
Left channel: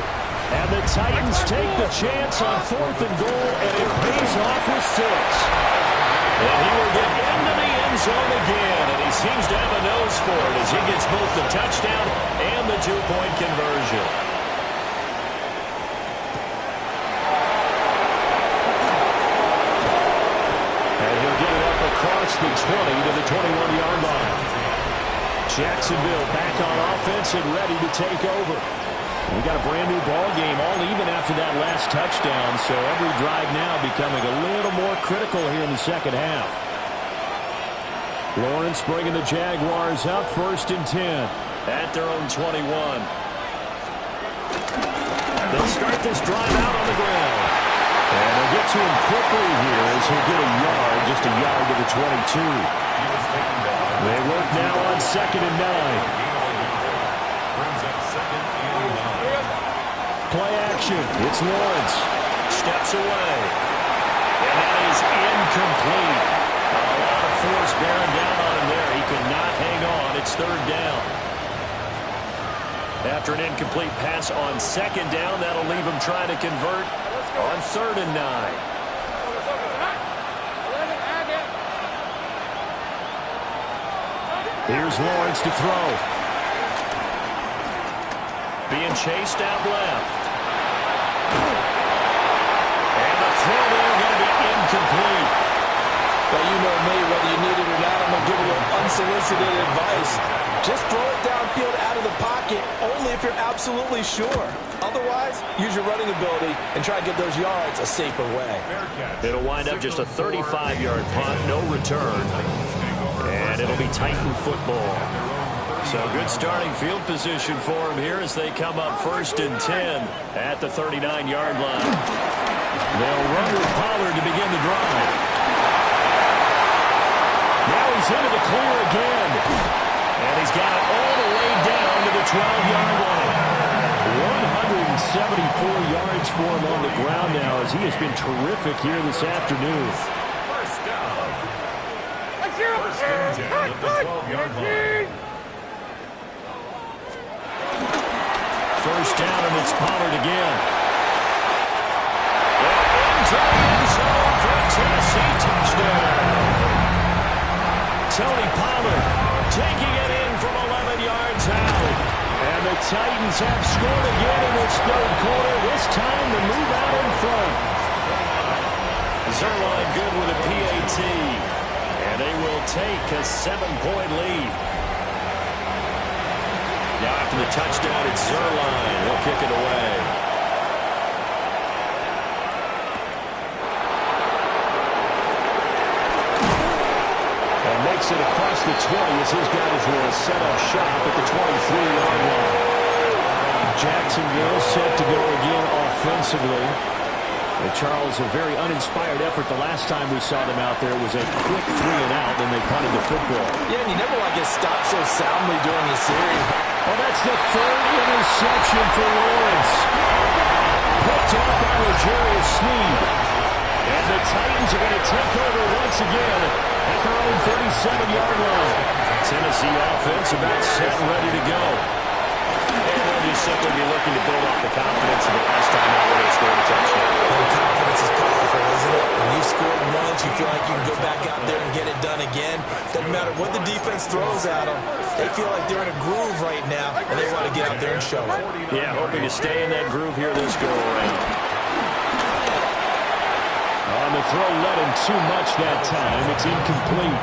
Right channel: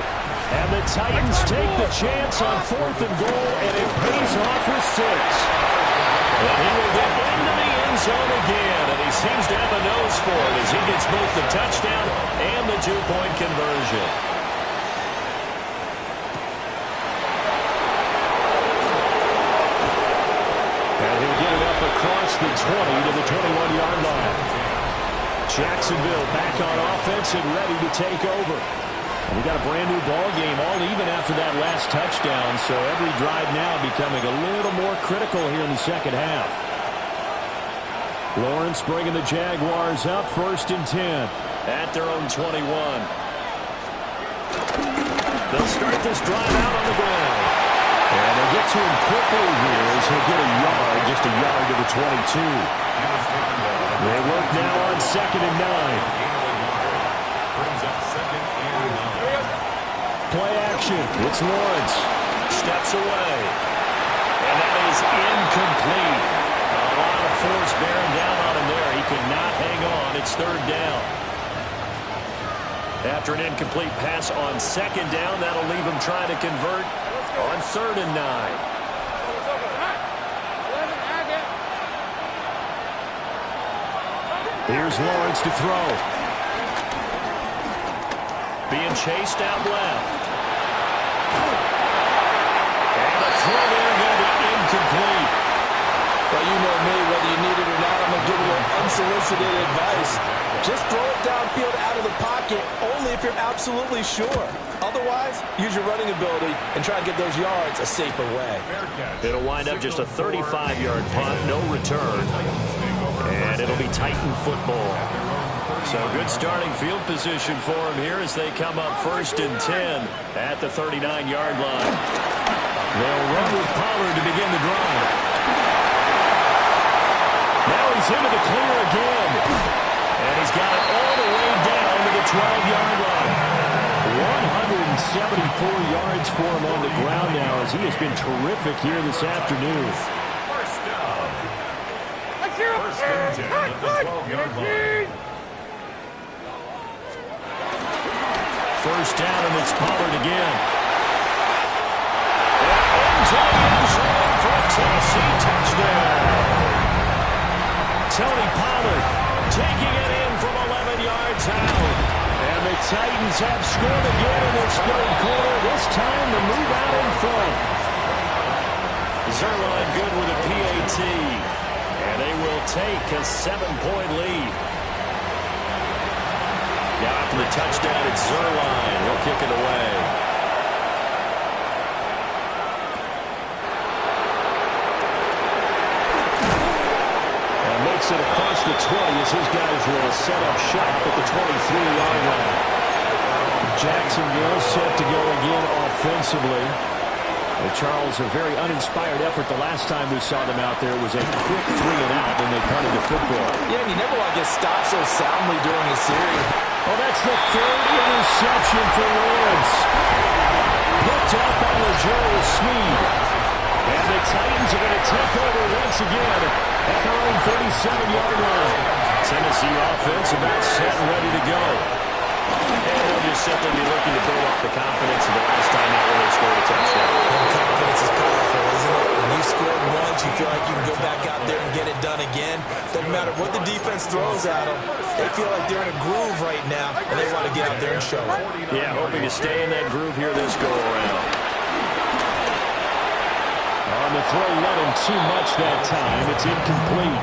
And the Titans take the chance on 4th and goal, and it pays off with 6. And he will get into the end zone again, and he seems to have a nose for it as he gets both the touchdown and the 2-point conversion. And he'll get it up across the 20 to the 21-yard line. Jacksonville back on offense and ready to take over. We got a brand new ball game, all even after that last touchdown, so every drive now becoming a little more critical here in the second half. Lawrence bringing the Jaguars up, 1st and 10 at their own 21. They'll start this drive out on the ground. And they'll get to him quickly here as he'll get a yard, just a yard to the 22. They work now on 2nd and 9. Brings up 2nd and 9. Play action. It's Lawrence. Steps away. And that is incomplete. A lot of force bearing down on him there. He could not hang on. It's 3rd down. After an incomplete pass on 2nd down, that'll leave him trying to convert on 3rd and 9. Here's Lawrence to throw. Being chased out left. And the throw there going to be incomplete. Well, you know me, whether you need it or not, I'm going to give a little unsolicited advice. Just throw it downfield out of the pocket, only if you're absolutely sure. Otherwise, use your running ability and try to get those yards a safer way. It'll wind up just a 35-yard punt, no return. And it'll be Titan football. So good starting field position for him here as they come up 1st and 10 at the 39-yard line. They'll run with Pollard to begin the drive. Now he's into the clear again. And he's got it all the way down to the 12-yard line. 174 yards for him on the ground now as he has been terrific here this afternoon. First down. 1st and 10 at the 12-yard line. 1st down, and it's Pollard again. And into the end zone for a Tennessee touchdown. Tony Pollard taking it in from 11 yards out. And the Titans have scored again in this 3rd quarter. This time the move out in front. Zerline good with a PAT. And they will take a 7-point lead. Now after the touchdown, it's Zerline. He'll kick it away. Makes it across the 20 as his guys will set up shop at the 23-yard line. Jacksonville set to go again offensively. Charles, a very uninspired effort the last time we saw them out there. It was a quick 3-and-out, and they punted the football. Yeah, and you never want to get stopped so soundly during a series. Well, that's the 3rd interception for Lawrence. Picked up by L'Jarius Sneed. And the Titans are going to take over once again at their own 37-yard line. Tennessee offense about set and ready to go. And they'll just simply be looking to build off the confidence of the last time out where they scored a touchdown. Well, confidence is powerful, isn't it? When you've scored once, you feel like you can go back out there and get it done again. Doesn't matter what the defense throws at them. They feel like they're in a groove right now, and they want to get out there and show it. Yeah, hoping to stay in that groove here this go-around. On the throw, led him too much that time. It's incomplete.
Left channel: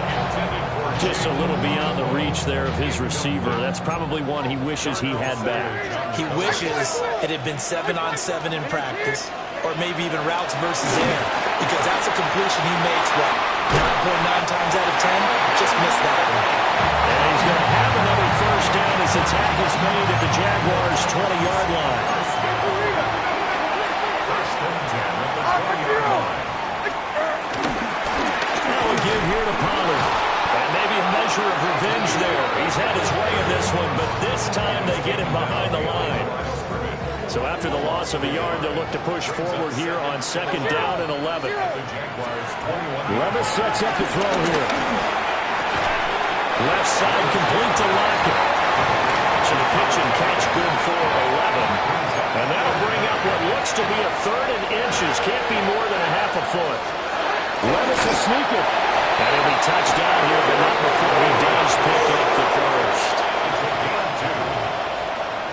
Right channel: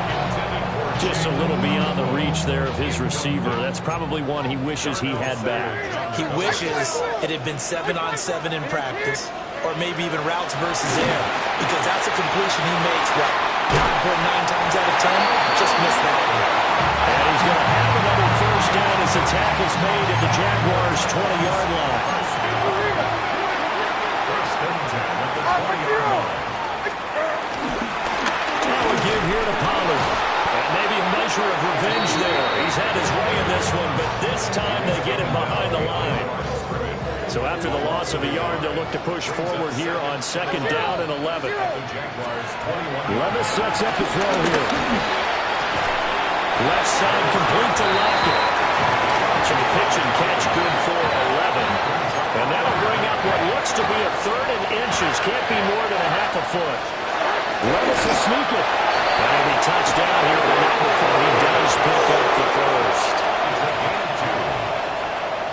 Just a little beyond the reach there of his receiver. That's probably one he wishes he had back. He wishes it had been 7-on-7 in practice, or maybe even routes versus air, because that's a completion he makes, what, 9.9 times out of 10? Just missed that one. And he's going to have another 1st down as the tackle's made at the Jaguars' 20-yard line. 1st and 10 at the 20-yard line. Now a give here to Pollard. And maybe a measure of revenge there. He's had his way in this one, but this time they get him behind the line. So after the loss of a yard, they'll look to push forward here on 2nd down and 11. Levis sets up to throw here. Left side complete to Lockett. So the pitch and catch good for 11. And that'll bring up what looks to be a 3rd and inches. Can't be more than a half a foot. Levis will sneak it. And he'll be touched down here, but not before he does pick up the 1st. It's a gain of 2.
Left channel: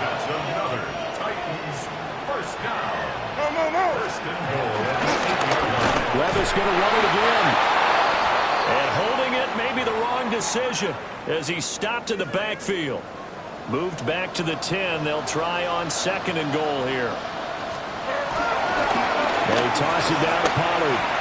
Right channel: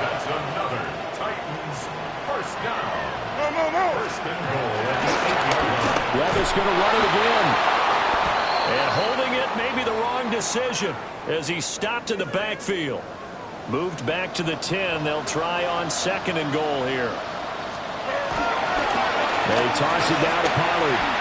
That's another Titans 1st down. 1st and goal at the 8-yard line. Levis going to run it again. And holding it may be the wrong decision as he stopped in the backfield. Moved back to the 10. They'll try on 2nd and goal here. They toss it down to Pollard.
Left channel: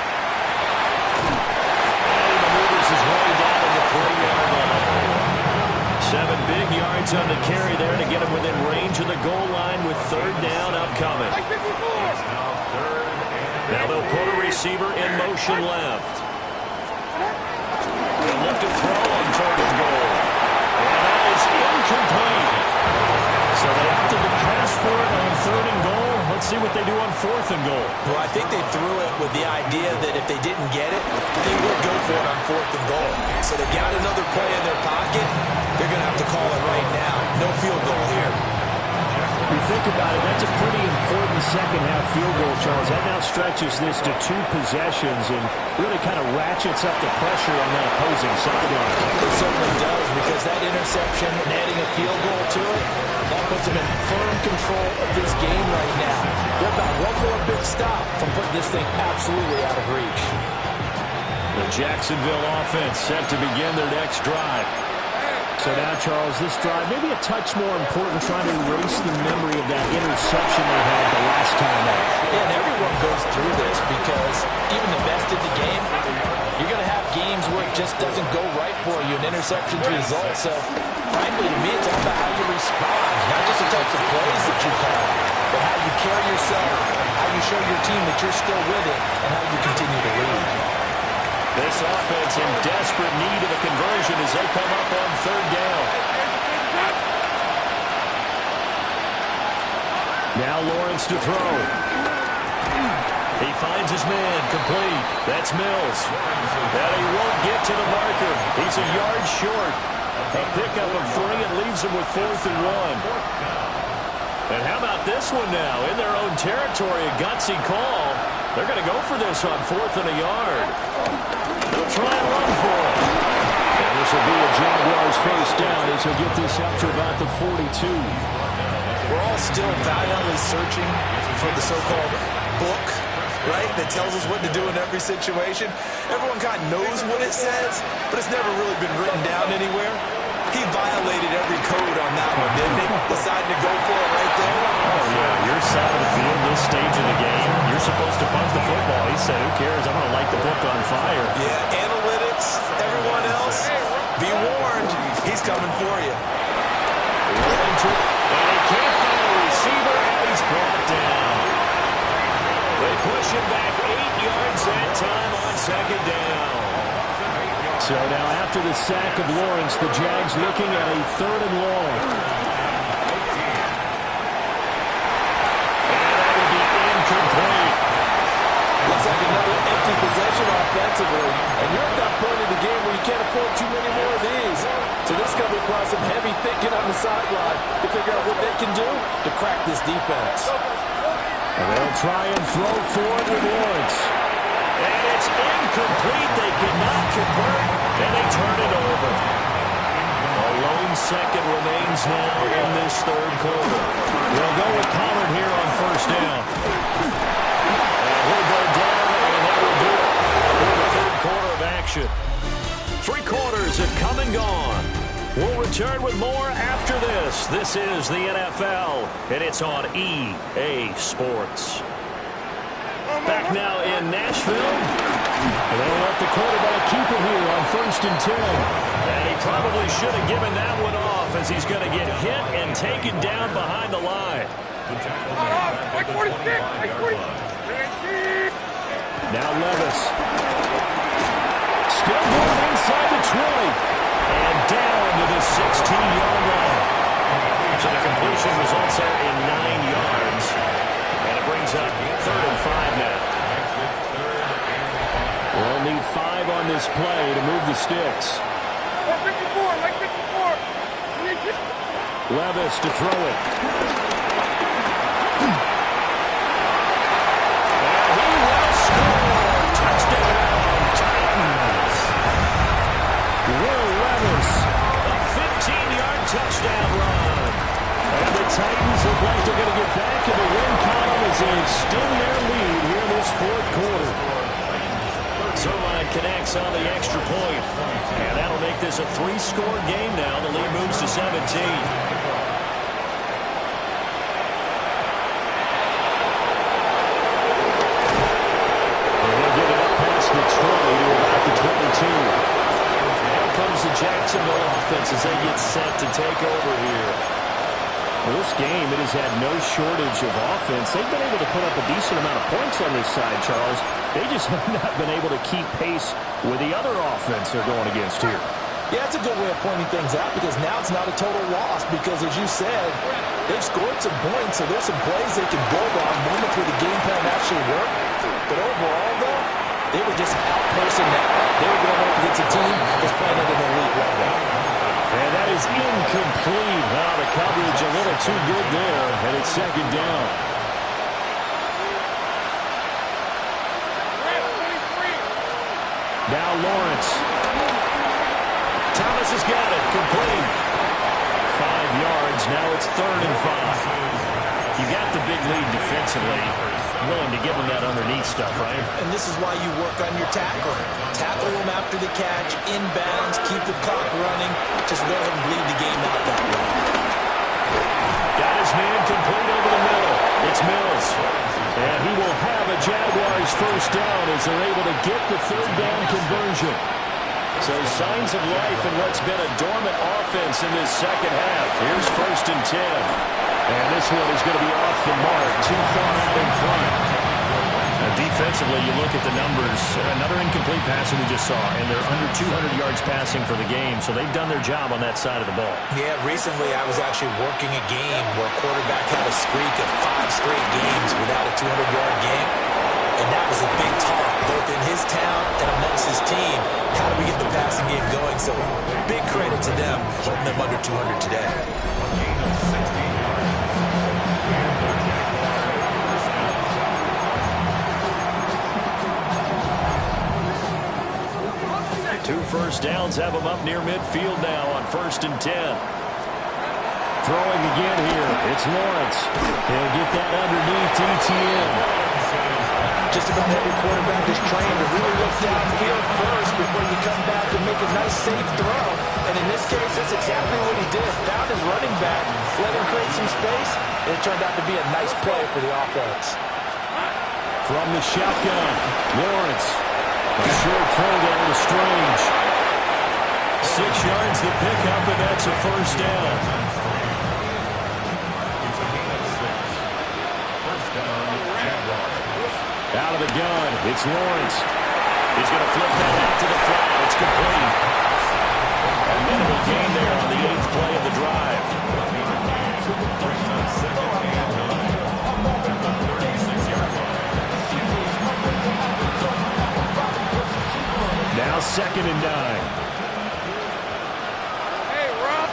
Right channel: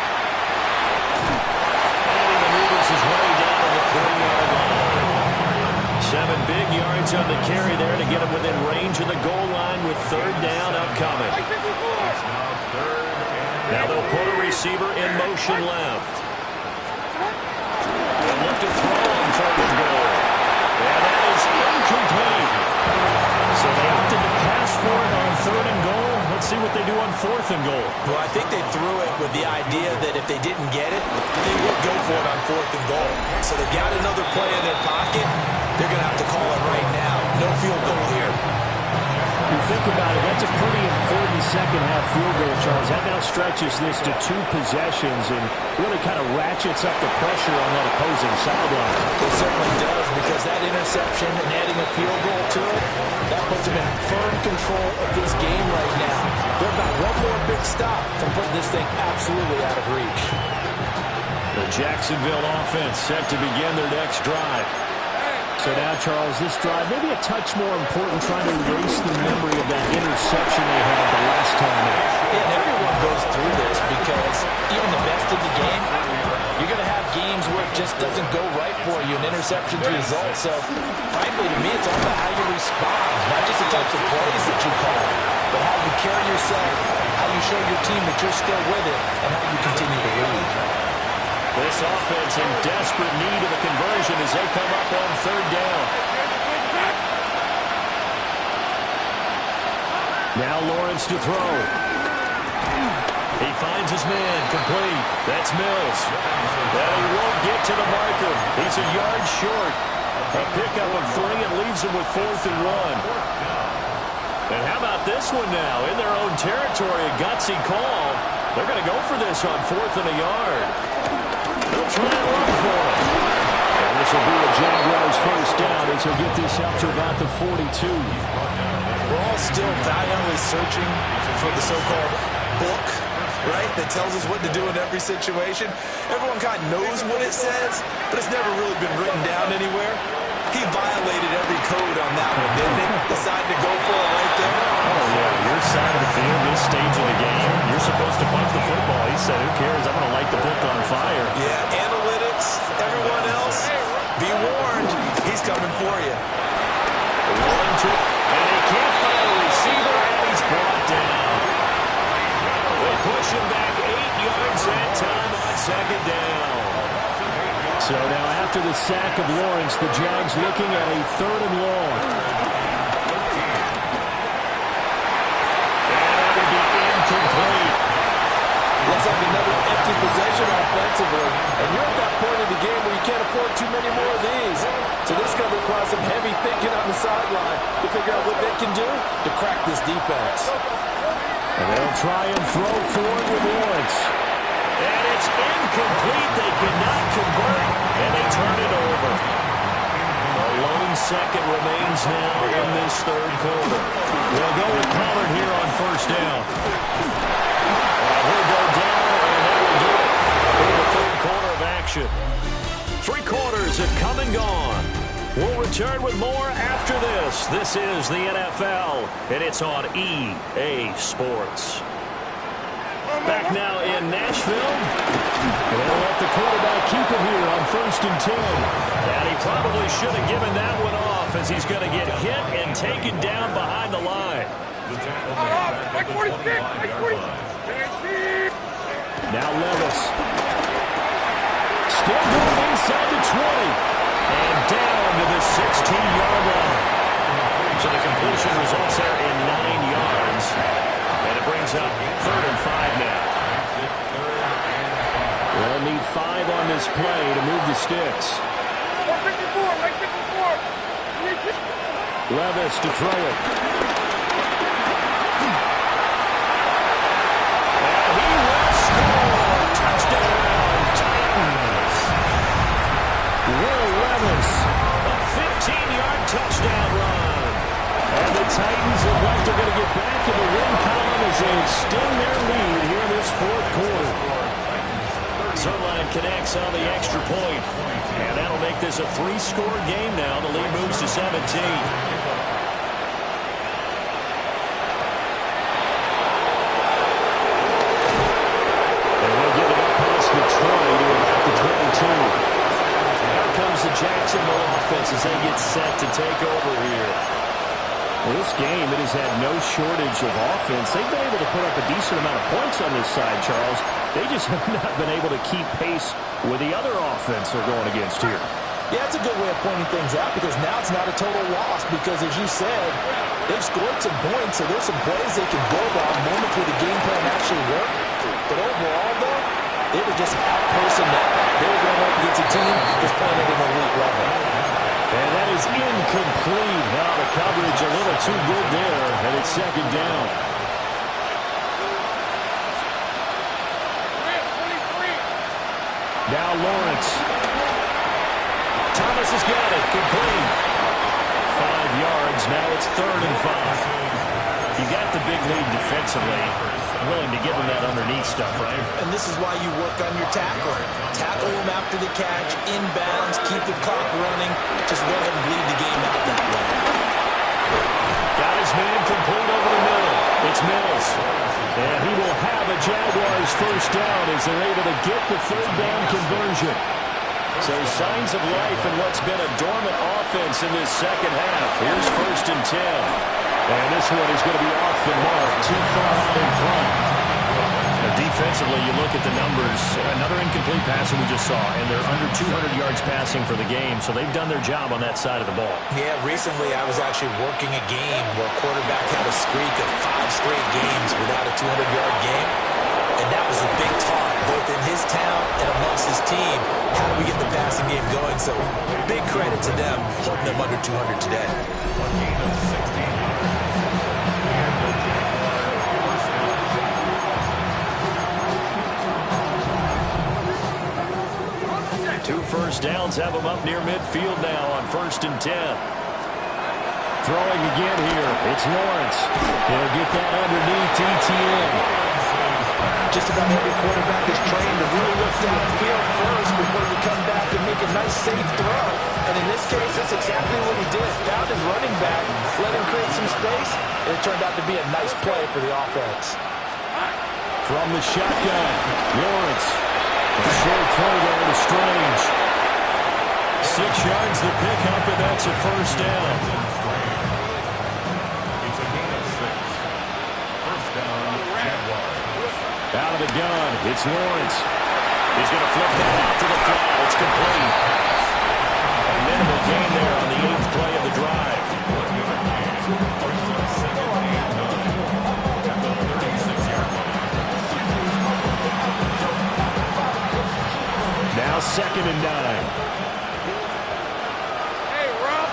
His way down to the 40-yard line. 7 big yards on the carry there to get him within range of the goal line with 3rd down upcoming. Now 3rd and Now they'll put a receiver in motion left. They'll look to throw on 3rd and goal. And that is incomplete. So they opted to pass for it on 3rd and goal. Let's see what they do on 4th and goal. Well, I think they threw it with the idea that if they didn't get it, they would go for it on 4th and goal. So they got another play in their pocket. They're going to have to call it right now. No field goal here. If you think about it, that's a pretty important second-half field goal, Charles. That now stretches this to 2 possessions and really kind of ratchets up the pressure on that opposing sideline. It certainly does, because that interception and adding a field goal to it, that puts them in firm control of this game right now. They're about one more big stop from putting this thing absolutely out of reach. The Jacksonville offense set to begin their next drive. So now, Charles, this drive maybe a touch more important, trying to erase the memory of that interception they had the last time out. Yeah, and everyone goes through this because even the best in the game, you're going to have games where it just doesn't go right for you, and interceptions result. So, frankly, to me, it's all about how you respond, not just the types of plays that you call, but how you carry yourself, how you show your team that you're still with it, and how you continue to lead. This offense in desperate need of a conversion as they come up on 3rd down. Now Lawrence to throw. He finds his man, complete. That's Mills. And he won't get to the marker. He's a yard short. A pickup of 3 and leaves him with 4th and 1. And how about this one now? In their own territory, a gutsy call. They're going to go for this on 4th and a yard. They'll try and run for it. And this will be a Jaguars first down as he'll get this up to about the 42. We're all still valiantly searching for the so-called book, right, that tells us what to do in every situation. Everyone kind of knows what it says, but it's never really been written down anywhere. He violated every code on that one, didn't he? Decided to go for it right there. Oh, yeah, your side of the field, this stage of the game, you're supposed to punt the football. He said, who cares? I'm going to light the book on fire. Yeah, analytics, everyone else, be warned. He's coming for you. And he can't find a receiver, and he's brought down. They push him back 8 yards that time on 2nd down. So now after the sack of Lawrence, the Jags looking at a 3rd and long. And that will be incomplete. Looks like another empty possession offensively. And you're at that point in the game where you can't afford too many more of these. So this is going to require some heavy thinking on the sideline to figure out what they can do to crack this defense. And they'll try and throw forward with Lawrence. And it's incomplete. They cannot convert, and they turn it over. A lone second remains now in this 3rd quarter. They'll go with Pollard here on 1st down. And he'll go down, and that will do it for the 3rd quarter of action. 3 quarters have come and gone. We'll return with more after this. This is the NFL, and it's on EA Sports. Back now in Nashville. And they'll let the quarterback keep it here on 1st and 10. And he probably should have given that one off as he's going to get hit and taken down behind the line. Like 46, like 46. Now Levis. Still going inside the 20. And down to the 16-yard line. So the completion results there in 9 yards. And it brings up 3rd and 5 now. They'll need 5 on this play to move the sticks. 54, like 54. Levis to throw it. And he will score. Touchdown, Titans. Will Levis, a 15-yard touchdown run. And the Titans look like they're going to get back in the win column as they extend their lead here in this 4th quarter. Zerline connects on the extra point. And that'll make this a 3-score game now. The lead moves to 17. And they'll give it up past the 20 to about the 22. Here comes the Jacksonville offense as they get set to take over here. Well, this game, it has had no shortage of offense. They've been able to put up a decent amount of points on this side, Charles. They just have not been able to keep pace with the other offense they're going against here. Yeah, that's a good way of pointing things out because now it's not a total loss because, as you said, they've scored some points, so there's some plays they can build on, moments where the game plan actually worked. But overall, though, they were just out-personnel. They were going up against a team just playing at an elite level. And that is incomplete. Now the coverage a little too good there, and it's second down. Now Lawrence. Thomas has got it. Complete. 5 yards. Now it's 3rd and 5. You got the big lead defensively. Willing to give them that underneath stuff, right? And this is why you work on your tackling. Tackle them after the catch, inbounds, keep the clock running. Just go ahead and bleed the game out that way. Got his man complete over the middle. It's Mills. And he will have a Jaguars first down as they're able to get the 3rd down conversion. So signs of life in what's been a dormant offense in this second half. Here's 1st and 10. And this one is going to be off the mark, too far out in front. Now defensively, you look at the numbers. Another incomplete pass that we just saw, and they're under 200 yards passing for the game, so they've done their job on that side of the ball. Yeah, recently I was actually working a game where a quarterback had a streak of 5 straight games without a 200-yard game. And that was a big talk, both in his town and amongst his team. How do we get the passing game going? So big credit to them, holding them under 200 today. A gain of 16 yards. And the Jaguars first down. 2 first downs have them up near midfield now on 1st and 10. Throwing again here. It's Lawrence. He'll get that underneath ETN. Just about every quarterback is trained to really look downfield first before you come back and make a nice, safe throw. And in this case, that's exactly what he did. Found his running back, let him create some space, and it turned out to be a nice play for the offense. From the shotgun, Lawrence. A short throw there to Strange. 6 yards to pick up, and that's a first down. It's a gain of 6. First down, Jaguars. Out of the gun, it's Lawrence. He's going to flip that out to the flat. It's complete. A minimal gain there on the 8th play of the drive. Brings up 2nd and 9 at the 36-yard line. Now 2nd and 9. Hey, Rob.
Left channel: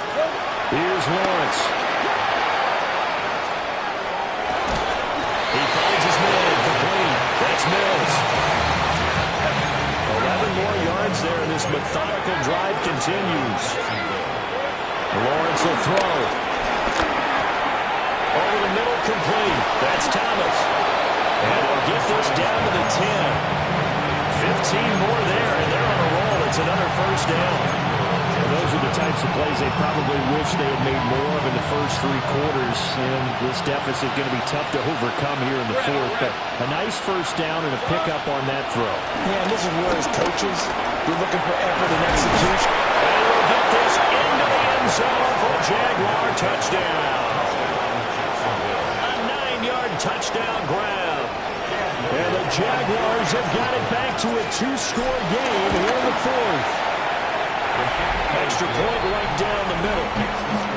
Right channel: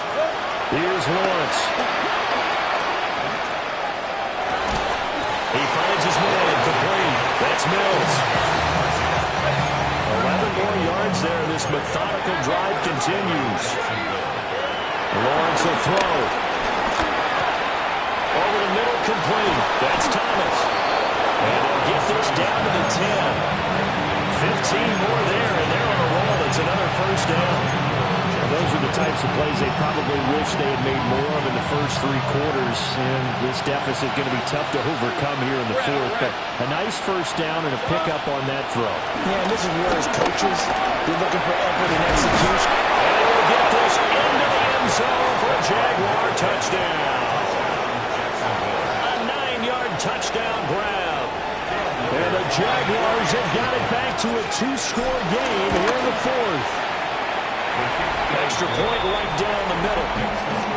Here's Lawrence. He finds his man complete. That's Mills. 11 more yards there, and this methodical drive continues. Lawrence will throw. Over the middle, complete. That's Thomas. And he'll get this down to the 10. 15 more there, and they're on a roll. It's another first down. Those are the types of plays they probably wish they had made more of in the first 3 quarters. And this deficit going to be tough to overcome here in the 4th. But a nice first down and a pickup on that throw. Yeah, and this is where as coaches, you're looking for effort and execution. And he will get this into the end zone for a Jaguar touchdown. A 9-yard touchdown grab. And the Jaguars have got it back to a 2-score game here in the 4th. Extra point right down the middle.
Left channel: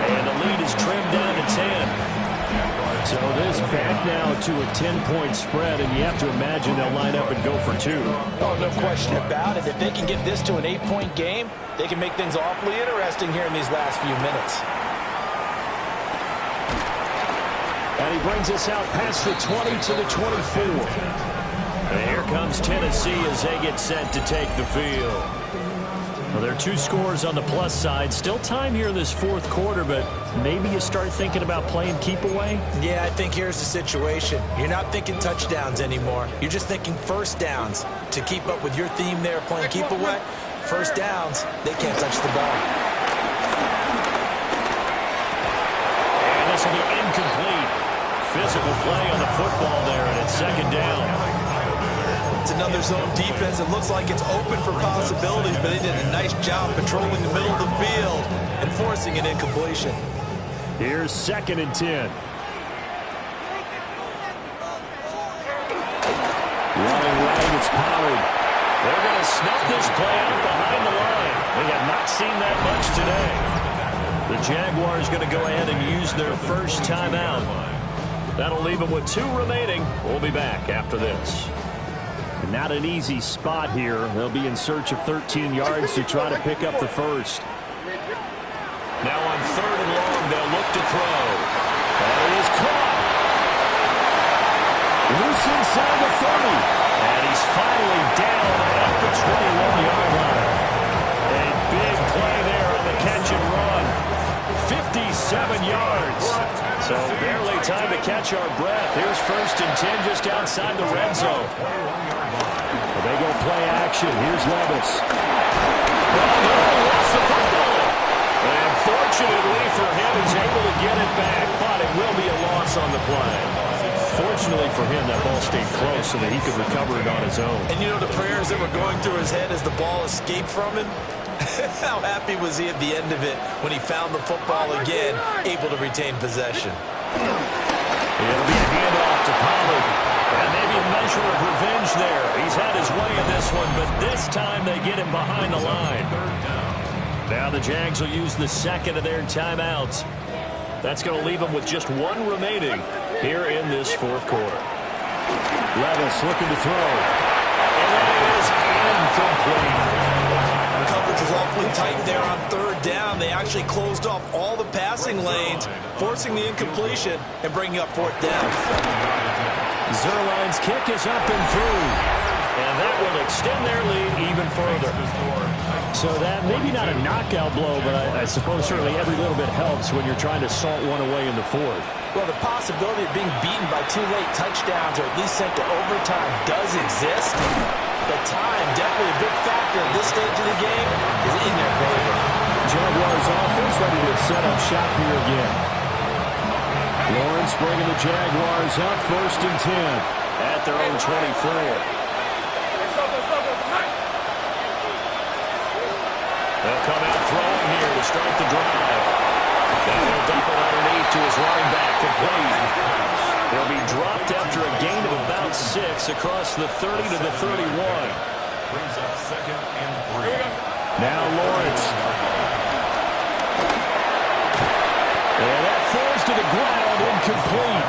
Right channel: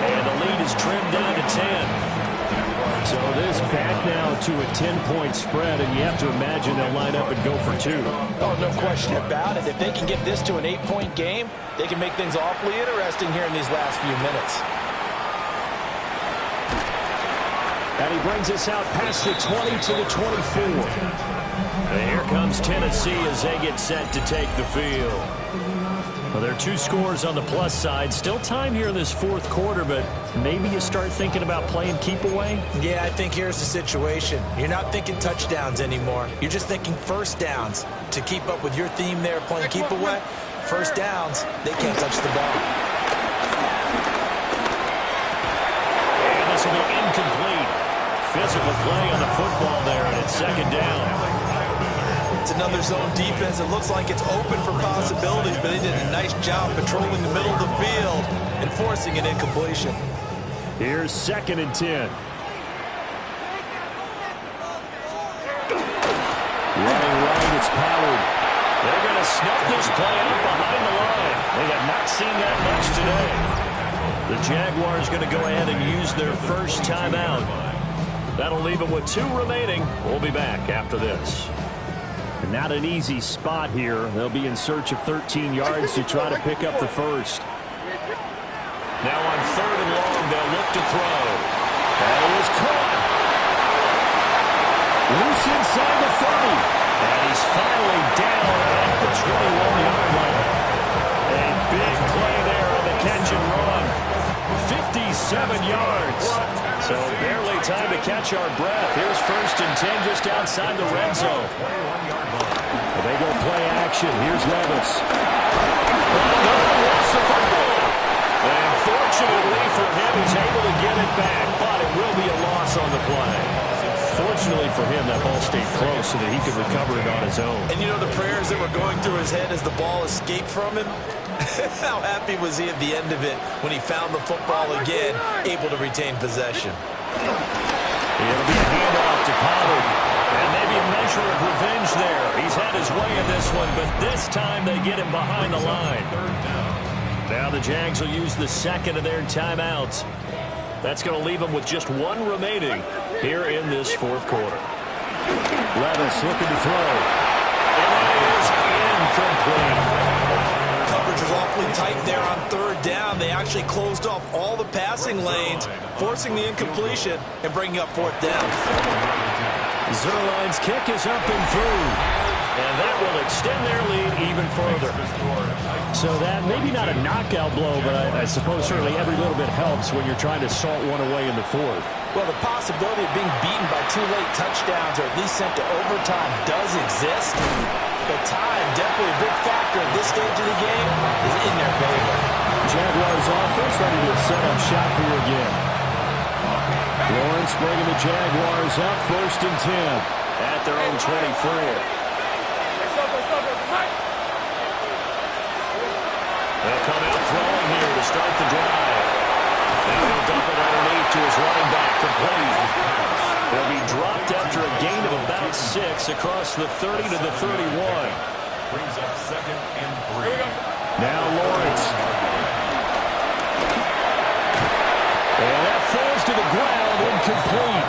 And the lead is trimmed down to 10. So this back now to a 10-point spread, and you have to imagine they'll line up and go for 2. Oh, no question about it. If they can get this to an 8-point game, they can make things awfully interesting here in these last few minutes. And he brings us out past the 20 to the 24. And here comes Tennessee as they get set to take the field. Well, there are 2 scores on the plus side. Still time here in this 4th quarter, but maybe you start thinking about playing keep away? Yeah, I think here's the situation. You're not thinking touchdowns anymore. You're just thinking first downs. To keep up with your theme there, playing keep away, first downs, they can't touch the ball. And this will be incomplete. Physical play on the football there, and it's 2nd down. It's another zone defense. It looks like it's open for possibilities, but they did a nice job patrolling the middle of the field and forcing an incompletion. Here's 2nd and 10. Running right, it's Pollard. They're going to snuff this play out behind the line. We have not seen that much today. The Jaguars going to go ahead and use their first timeout. That'll leave them with 2 remaining. We'll be back after this. And not an easy spot here. They'll be in search of 13 yards to try to pick up the first. Now on 3rd and long, they'll look to throw. That is caught. Loose inside the 30. And he's finally down at the 21-yard line. A big play there on the catch and run. 57 yards. So barely time to catch our breath. Here's 1st and 10 just outside the red zone. Well, they go play action. Here's Levis. Oh, no, lost the football. And fortunately for him, he's able to get it back, but it will be a loss on the play. Fortunately for him, that ball stayed close so that he could recover it on his own. And you know the prayers that were going through his head as the ball escaped from him? How happy was he at the end of it when he found the football again, able to retain possession? It'll be a handoff to Pollard. And maybe a measure of revenge there. He's had his way in this one, but this time they get him behind the line. Now the Jags will use the 2nd of their timeouts. That's going to leave them with just 1 remaining here in this 4th quarter. Levis looking to throw. And that is incomplete. Coverage was awfully tight there on 3rd down. They actually closed off all the passing lanes, forcing the incompletion and bringing up 4th down. Zerline's kick is up and through. And that will extend their lead even further. So that maybe not a knockout blow, but I suppose certainly every little bit helps when you're trying to salt one away in the 4th. Well, the possibility of being beaten by 2 late touchdowns or at least sent to overtime does exist. But time, definitely a big factor at this stage of the game, is in their favor. Jaguars offense ready to set up shop here again. Lawrence bringing the Jaguars up 1st and 10 at their own 24. They'll come out throwing here to start the drive. Now he'll dump it underneath to his running back, complete. They'll be dropped after a gain of about 6 across the 30 to the 31. Brings up 2nd and 3. Now Lawrence. And that falls to the ground, incomplete.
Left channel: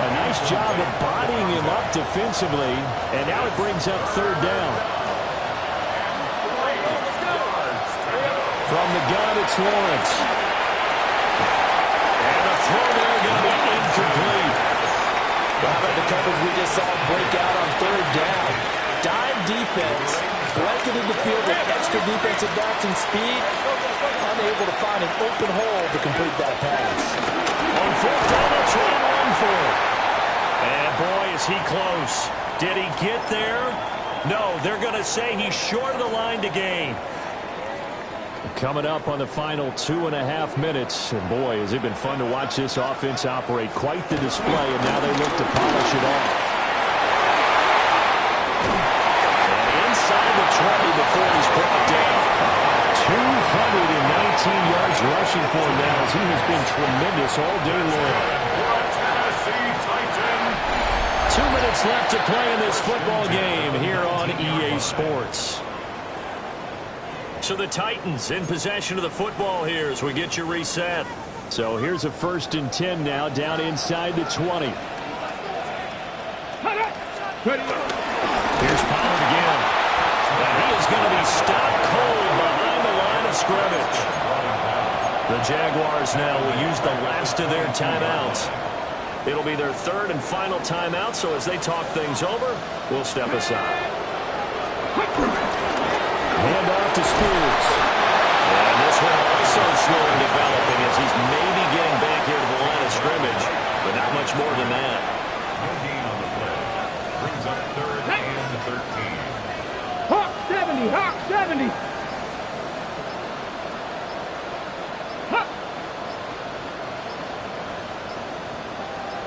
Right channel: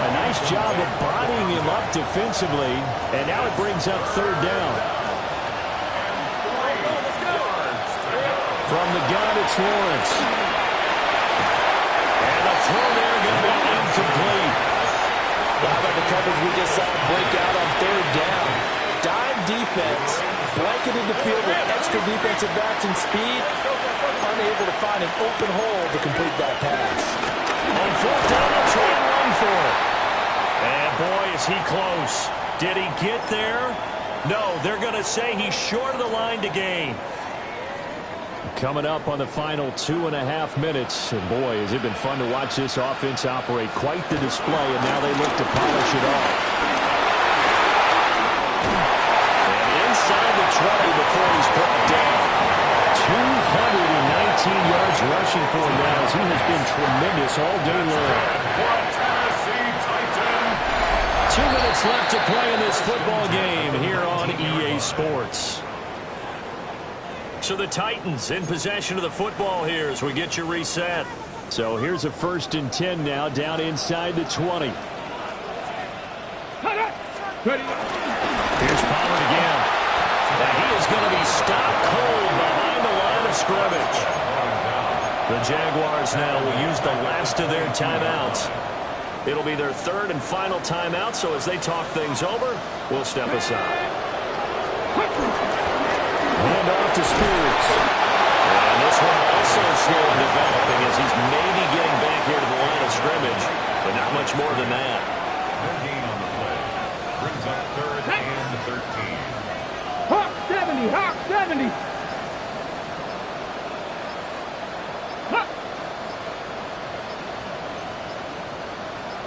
A nice job of bodying him up defensively, and now it brings up 3rd down. From the gun, it's Lawrence. And the throw there going to be incomplete. How about the coverage we just saw break out on 3rd down? Dime defense, blanketed the field with extra defensive backs and speed, unable to find an open hole to complete that pass. On 4th down, they'll try and run for it. And boy, is he close. Did he get there? No, they're going to say he's short of the line to gain. Coming up on the final 2.5 minutes. And boy, has it been fun to watch this offense operate. Quite the display, and now they look to polish it off. And inside the 20 before he's brought down. 219 yards rushing for him now, as he has been tremendous all day long. 2 minutes left to play in this football game here on EA Sports. So the Titans in possession of the football here as we get you reset. So here's a 1st and 10 now, down inside the 20. Here's Pollard again. And he is going to be stopped cold behind the line of scrimmage. The Jaguars now will use the last of their timeouts. It'll be their 3rd and final timeout, so as they talk things over, we'll step aside. Hand off to Spears. And this one also slow in developing as he's maybe getting back here to the line of scrimmage, but not much more than that. No gain on the play. Brings up 3rd and 13. Hawk 70, Hawk 70.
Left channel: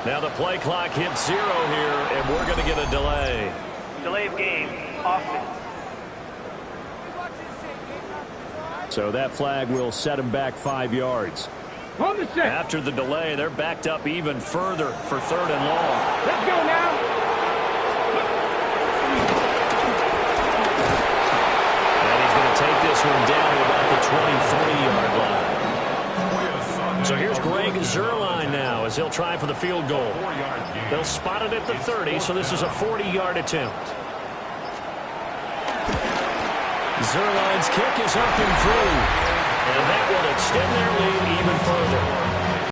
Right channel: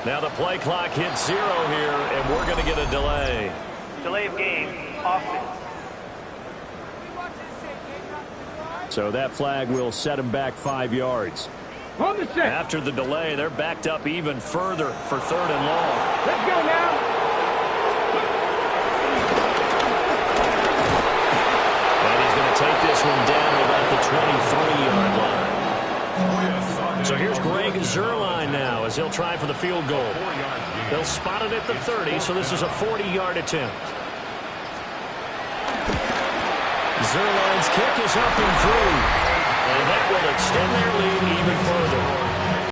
Now the play clock hits 0 here, and we're going to get a delay. Delay of game, offense. So that flag will set him back 5 yards. On the set. After the delay, they're backed up even further for 3rd and long. Let's go now. And he's going to take this one down to about the 23-yard line. So here's Greg Zuerlein now as he'll try for the field goal. They'll spot it at the 30, so this is a 40-yard attempt. Zuerlein's kick is up and through. And that will extend their lead even further.